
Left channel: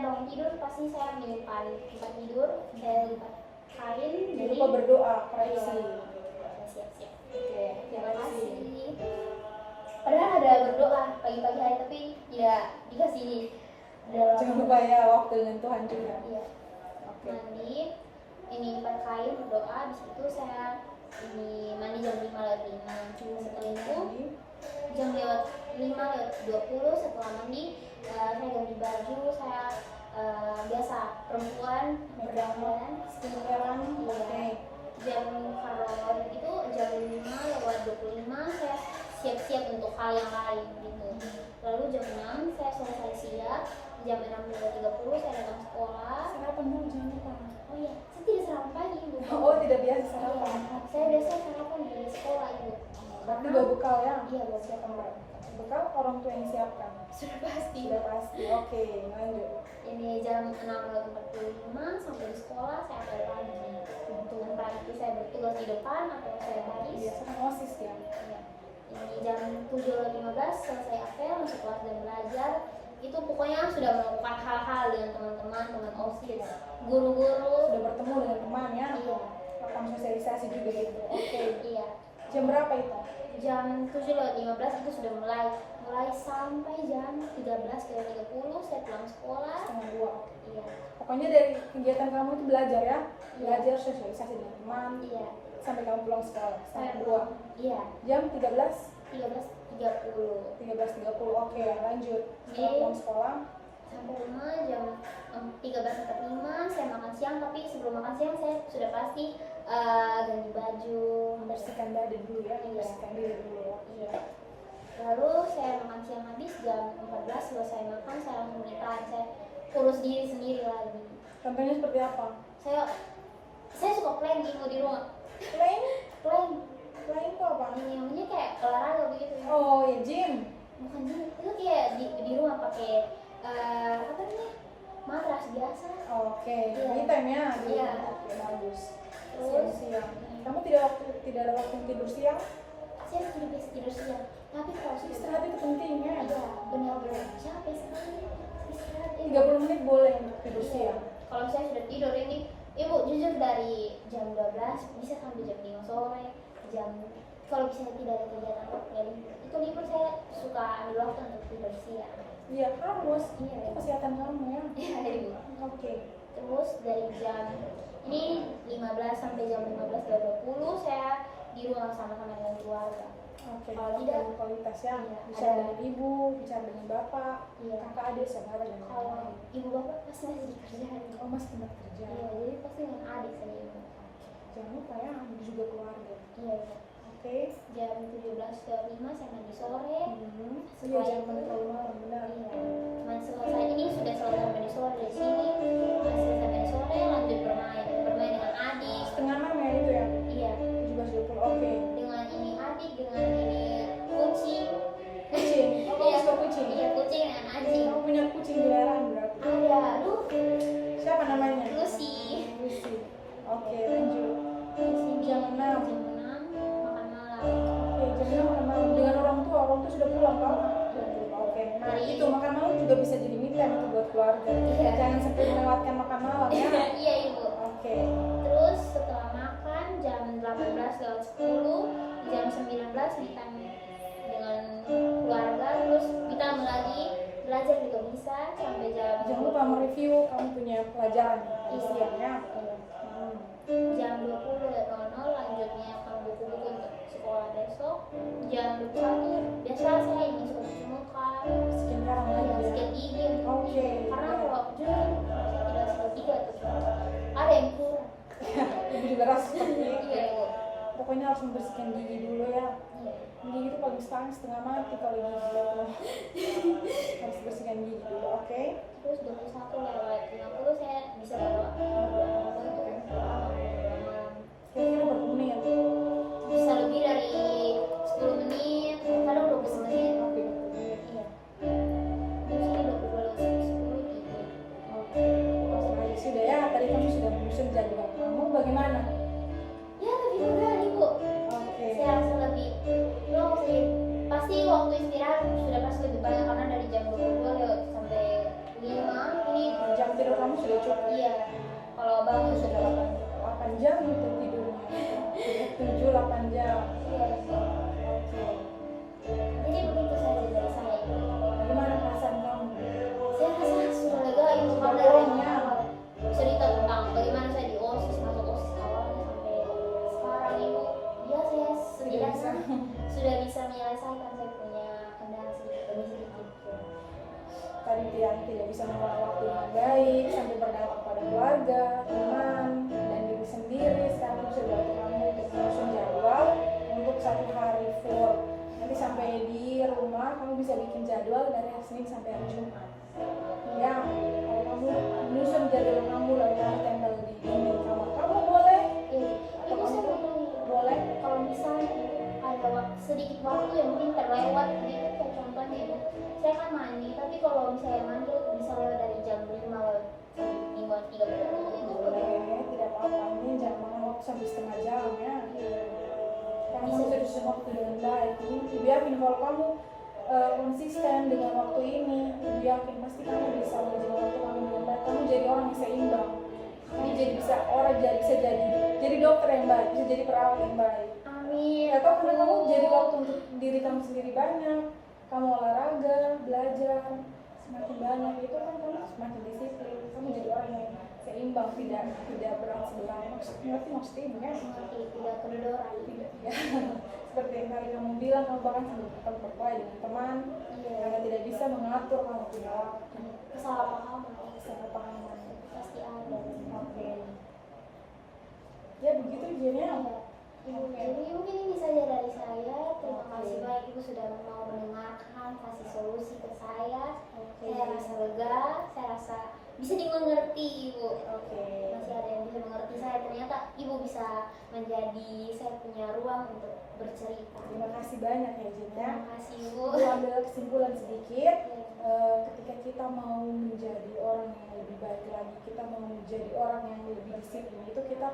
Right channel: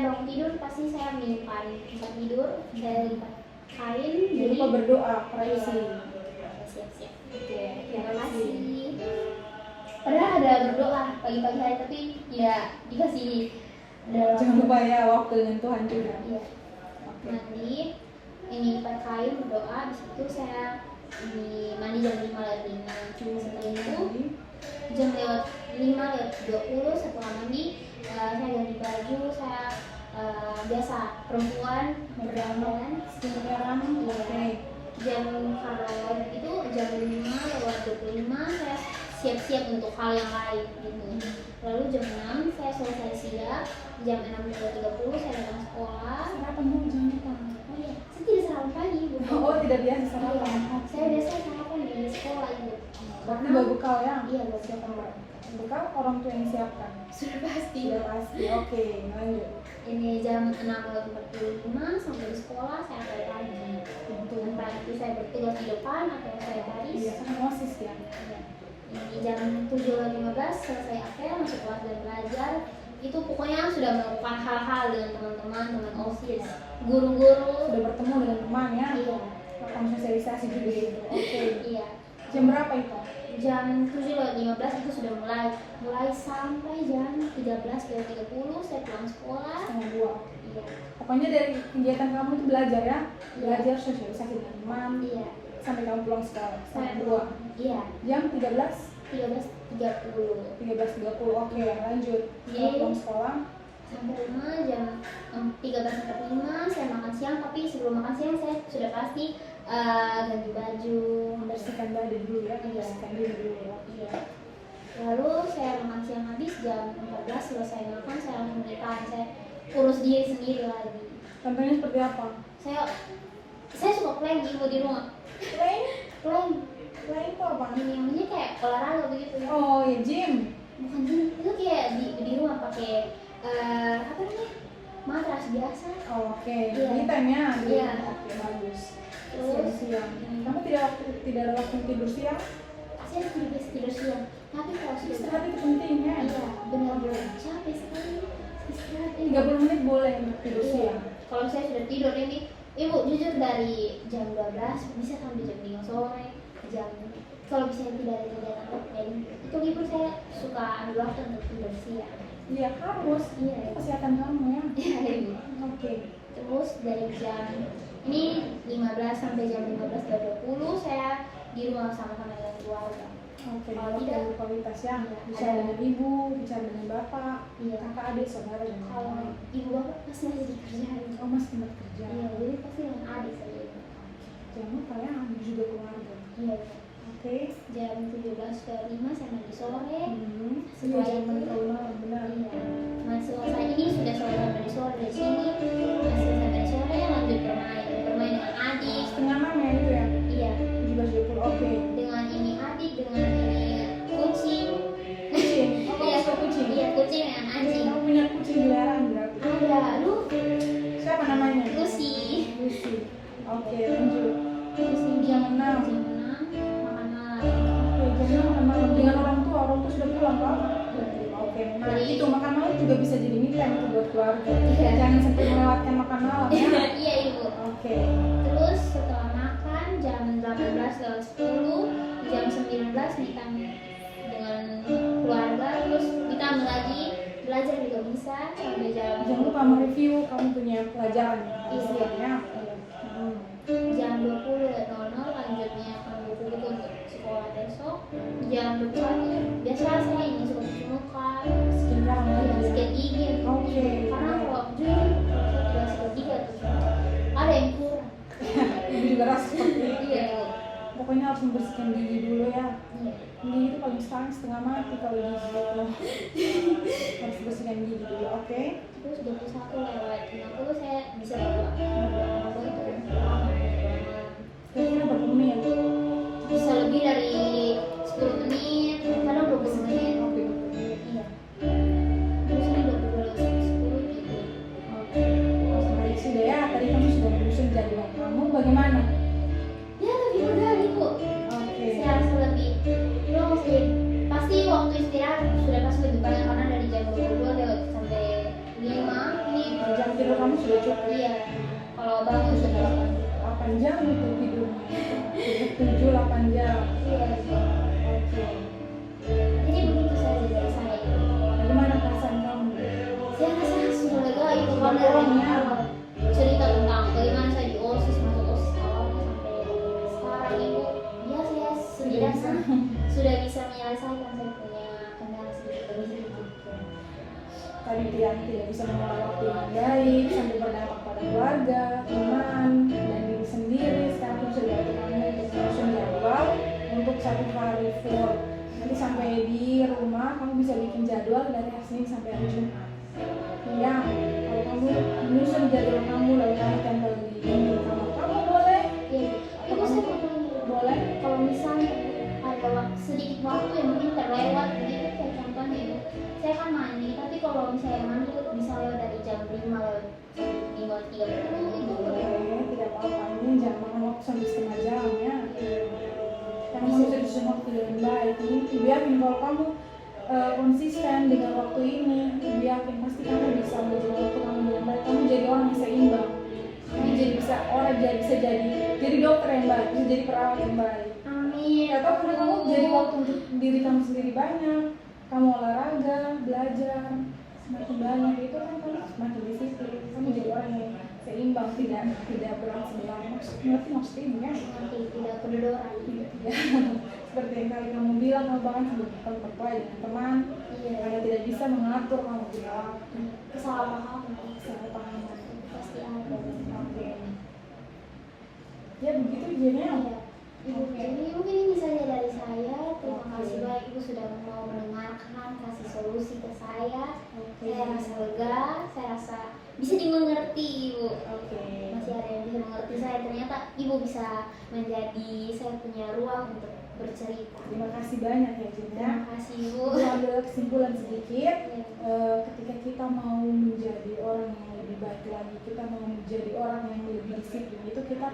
bangun tidur pasti saya menyimpan tempat tidur dan kain. Jangan lupa berdoa, praise. Siap-siap. Oke, terima kasih. Padahal ada berdoa pagi-pagi hari tapi ya dikasih dalam Jangan lupa ya waktu dengan Tuhan juga. Iya. Mandi, ini lipat kain berdoa. Di situ saya di mandi jam 5:05. Setelah itu jam lewat 5:20 setelah mandi saya ganti baju. Saya biasa perempuan berdandan Sekarang, oke. jam kalau itu jam 5:25 saya siap-siap untuk hal yang lain gitu. Lalu jam 6 saya selesai siap, jam 6:30 saya datang sekolah. Sarapan dulu jangan lupa. Oh iya, saya tidak sarapan pagi Bu. Oh, tidak biasa Iya, sarapan. saya biasa sarapan di sekolah itu. Berarti bawa bekal ya? Iya, bawa bekal. Bekal orang tua yang siapkan. Sudah pasti. Sudah pasti. Oke, lanjut. Ini jam 6:45 sampai di sekolah saya balik lagi. Untuk itu saya bertugas di depan atau saya baris. Biasanya osis ya. Ini jam 7:15 selesai apel masuk kelas dan belajar. Itu pokoknya sudah melakukan hal-hal dengan teman-teman, teman OSIS, guru-guru. Sudah bertemu dengan teman ya. Iya. Lakukan sosialisasi juga itu. Oke. Iya. Jam berapa itu? Jam 7:15 itu sudah mulai sampai jam 13:30 saya pulang sekolah. Setengah 2. Iya. Pokoknya dari kegiatan kamu itu belajar ya. Iya. Belajar sosialisasi dengan teman. Iya. Sampai kamu pulang sekolah. Setengah Saya 2. Iya. Jam 13. 13:30 13.30. Oke, lanjut. Iya. Pulang sekolah. sampai rumah jam 13:45 saya makan siang, tapi sebelum makan siang saya sudah pasti ganti baju, Membersihkan badan dulu ya. Iya. Membersihkan diri dulu ya. Iya. Lalu saya makan siang habis jam 14 selesai makan saya langsung makan, saya urus diri sendiri lagi. Contohnya seperti apa? Saya suka plank ibu di rumah. Plank? Plank Plank itu apa? ini namanya kayak olahraga begitu ya. Oh ya, gym. Bukan gini, itu kayak di rumah pakai apa namanya, matras biasa. Oh, oke. Iya. Ini time-nya. Iya. Oke, bagus. Terus Siang. Kamu tidak ada waktu tidur siang? saya tidak biasa tidur siang, tapi kalau sudah Istirahat itu penting ya. iya benar-benar capek sekali istirahat ini. 30 menit boleh untuk tidur Iya. siang. Kalau saya sudah tidur ini ibu jujur dari jam 12 bisa sampai jam 5 sore, jam kalau misalnya tidak ada kegiatan lain itu libur saya suka ambil waktu untuk tidur siang. Iya, harus. Iya. Itu kesehatan kamu ya. Iya ibu. Oke. Terus dari jam ini 15 sampai jam 15:30 saya di rumah sama-sama dengan keluarga. Oke, Kalau waktu tidak, kualitas ya. Bicara ada. dengan ibu, bicara dengan bapak, Iya. kakak, adik, saudara, dan Kalau lain-lain. ibu bapak pasti masih di kerjaan. Oh, masih tempat kerja. Iya, jadi pasti dengan adik saya itu. Jangan lupa ya, ambil juga keluarga. Iya ibu. Oke. Jam 17:05 saya mandi sore. Iya, jangan terlalu malam, benar. Iya. Masih selesai ini sudah selesai mandi sore di sini. Masih selesai mandi sore lanjut bermain dengan adik. Setengah 6 ya itu ya. Iya. 17.20. Oke. Dengan ini adik, dengan ini kucing. Kucing. Oh, Iya, suka kucing. Iya, kucing dengan anjing. Kamu punya kucing peliharaan berarti? Ada, aduh, Siapa namanya? Lucy. Lucy. Oke, lanjut. Lucy Jam 6. jam 6 makan malam. Oke, jam 6 makan malam dengan orang tua sudah pulang Pak. Oke, nah itu makan malam juga bisa jadi me time itu buat keluarga. Iya. Jangan sampai melewatkan makan malam ya. Iya ibu. Oke. Terus setelah makan jam 18:10 jam 19 makan dengan keluarga, terus kita lagi belajar juga bisa sampai jam Jangan lupa mereview kamu punya pelajaran ya. Iya. Siap ya. Iya. Hmm. Jam 20.00 lanjut menyiapkan buku-buku untuk sekolah besok. Jam 21 biasa saya ini suka cuci muka, Sekian lagi. sikat gigi. Oke. Karena kalau jujur saya tidak sikat gigi atau cuci muka, ada yang kurang. Ibu juga rasa seperti itu. Iya ibu. Pokoknya harus membersihkan gigi dulu ya. Iya. Gigi itu kalau misalnya setengah mati kalau gigi itu. Harus bersihkan gigi dulu, oke? Terus 21:50 saya bisa berdoa itu Kira-kira berapa menit? bisa lebih dari 10 menit, kadang 20 menit. Oke, 20 menit. Iya. Terus ini 20 gitu. Oke. Baik, sudah ya. Tadi kamu sudah menyusun jadwal kamu. Bagaimana? Ya lebih mudah ibu. Oke. Saya rasa lebih long sih. Pasti waktu istirahat sudah pasti lebih banyak karena dari jam 22 sudah cukup. Iya, kalau abang Kamu tuh sudah sudah 8 jam itu tidurnya, sudah 7-8 jam. iya. Oke. Jadi begitu saja dari saya. Gimana perasaan kamu? Saya rasa sudah lega itu kan dari awal. Cerita tentang bagaimana saya di OSIS, masuk OSIS awalnya sampai sekarang ibu. Ya saya setidaknya sudah bisa menyelesaikan, saya punya kendala sedikit demi sedikit. Tadi dia tidak bisa mengelola waktu dengan baik sampai berdampak pada keluarga, teman, dan diri sendiri. Sekarang kamu sudah belajar untuk menyusun jadwal untuk 1 hari full. Nanti sampai di rumah kamu bisa bikin jadwal dari hari Senin sampai hari Jumat. Ya, kalau kamu menyusun jadwal kamu lalu kamu tempel di dinding kamar kamu boleh. Iya, ibu saya mau tanya, Boleh. kalau misalnya ada sedikit waktu yang mungkin terlewat begitu kayak contohnya ibu, saya kan mandi, tapi kalau misalnya mandi misalnya dari jam 5 5:30 itu Boleh, tidak apa-apa. Ini jangan makan waktu sampai setengah jam ya. Karena Bisa. bisa disusun waktu dengan baik. Ini ibu yakin kalau kamu konsisten dengan waktu ini, ibu yakin pasti kamu bisa menjaga waktu kamu dengan baik. Kamu jadi orang yang seimbang. Kamu jadi bisa orang bisa jadi dokter yang baik, bisa jadi perawat yang baik. amin. Atau karena kamu jadi waktu untuk diri kamu sendiri banyak, kamu olahraga, belajar semakin banyak, itu kan kamu semakin disiplin. Kamu jadi orang yang seimbang, tidak berat sebelah. Ngerti maksudnya ibu ya? Tidak kedodoran. Ya, seperti yang tadi kamu bilang, kamu bahkan sampai berkelahi dengan teman Iya, karena tidak bisa mengatur kamu bilang kesalahpahaman kesalahpahaman. pasti ada. Oke. Ya begitu jadinya. Iya. Ibu, jadi mungkin ini saja dari saya. Terima kasih banyak ibu sudah mau mendengarkan, kasih solusi ke saya. Saya rasa lega, saya rasa bisa dimengerti ibu. Oke. Masih ada yang bisa mengerti saya. Ternyata ibu bisa menjadi saya punya ruang untuk bercerita. Terima kasih banyak ya Cinta. Terima kasih ibu. Aku ambil kesimpulan sedikit. Ya, Ketika kita mau menjadi orang yang lebih baik lagi, kita mau menjadi orang yang lebih disiplin, itu kita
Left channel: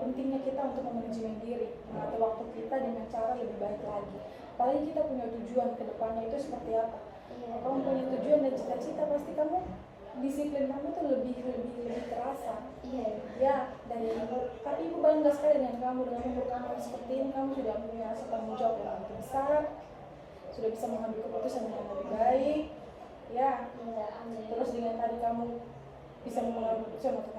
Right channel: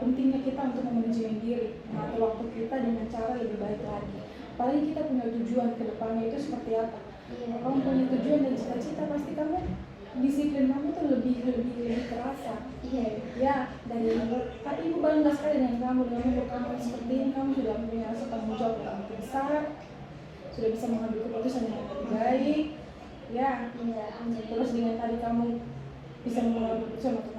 pentingnya kita untuk memanajemen diri, mengatur waktu kita dengan cara lebih baik lagi. Apalagi kita punya tujuan ke depannya itu seperti apa. iya. Kalau kamu punya tujuan dan cita-cita, pasti kamu disiplin kamu tuh lebih terasa. Iya. Ya, dari ibu, tapi ibu bangga sekali dengan kamu, dengan umur kamu seperti ini, kamu sudah punya rasa tanggung jawab yang lebih besar, sudah bisa mengambil keputusan yang lebih baik. Ya, terus dengan tadi kamu bisa mengambil keputusan untuk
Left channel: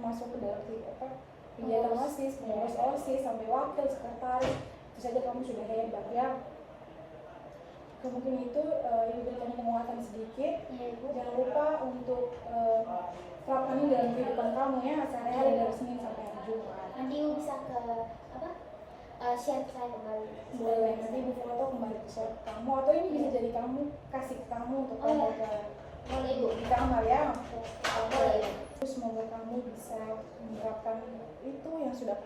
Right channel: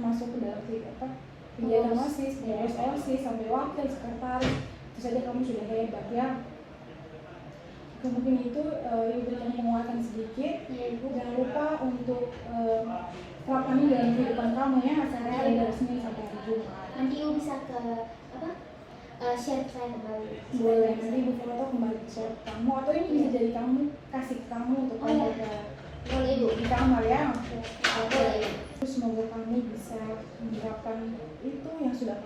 masuk ke dalam kegiatan OSIS, pengurus OSIS sampai wakil sekretaris, itu saja kamu sudah hebat ya. Mungkin itu ibu berikan penguatan sedikit. Jangan lupa untuk terapkan ini dalam kehidupan kamu ya, sehari-hari dari Senin sampai hari Jumat. Nanti ibu bisa ke apa? Share ke saya kembali. Boleh, nanti ibu foto kembali ke shop kamu, atau ini bisa jadi kamu kasih kamu untuk kamu ke Boleh ibu. di kamar ya. Boleh ibu. Terus semoga kamu bisa menerapkan itu yang sudah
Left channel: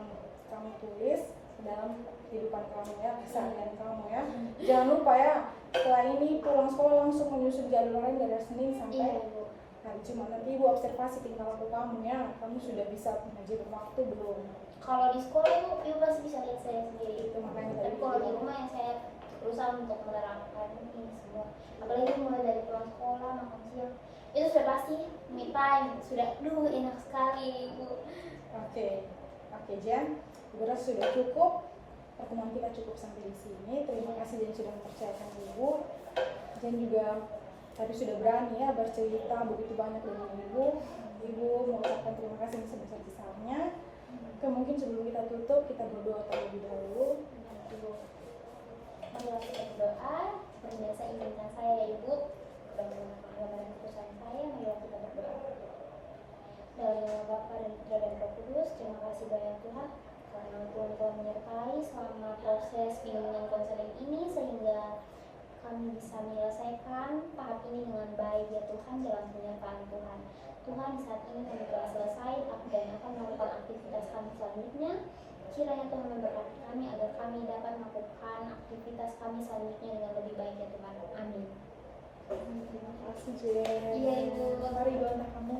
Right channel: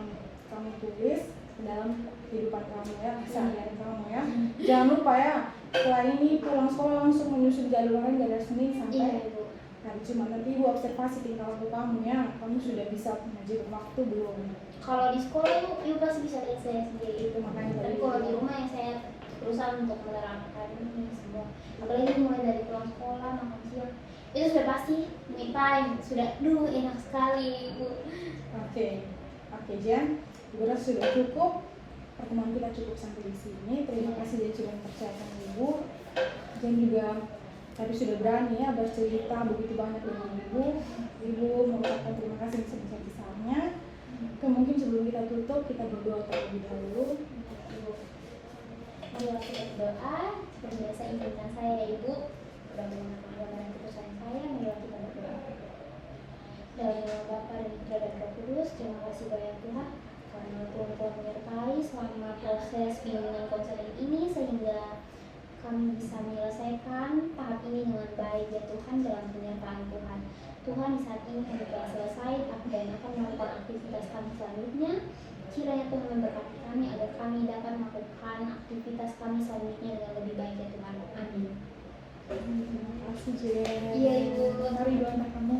kamu tulis ke dalam kehidupan kamu ya, keseharian kamu ya. Jangan lupa ya, setelah ini pulang sekolah langsung menyusun jadwal lain dari Senin Iya sampai ibu. hari Jumat. Nanti ibu observasi tingkah laku kamu ya, kamu sudah bisa mengajar waktu belum. Kalau di sekolah ibu pasti bisa lihat saya sendiri itu. Makanya Tapi tadi kalau di rumah yang saya berusaha untuk menerapkan ini semua. Apalagi mulai dari pulang sekolah, makan siang, itu sudah pasti me time. Sudah, enak sekali ibu. Oke, Jan, ibu rasa sudah cukup. Pertemuan kita cukup sampai di sini. Terima kasih yang sudah mempercayakan ibu. Dan juga tadi sudah berani ya bercerita begitu banyak dengan ibu. Ibu mengucapkan terima kasih sebesar-besarnya. Mungkin sebelum kita tutup, kita berdoa terlebih dahulu. Bila kita berdoa, seperti biasa izinkan saya ya ibu. Dalam keputusan saya, bila kita berdoa. Dari nama Bapa dan Putra dan Roh Kudus, terima kasih banyak Tuhan karena Tuhan telah menyertai selama proses bimbingan konseling ini sehingga kami bisa menyelesaikan tahap ini dengan baik ya Tuhan dalam penyertaan Tuhan. Tuhan di saat ini kami telah selesai dan akan melakukan aktivitas kami selanjutnya. Kiranya Tuhan memberkati kami agar kami dapat melakukan aktivitas kami selanjutnya dengan lebih baik ya Tuhan. Amin. Terima kasih Jen. Iya ibu. Mari doa kamu.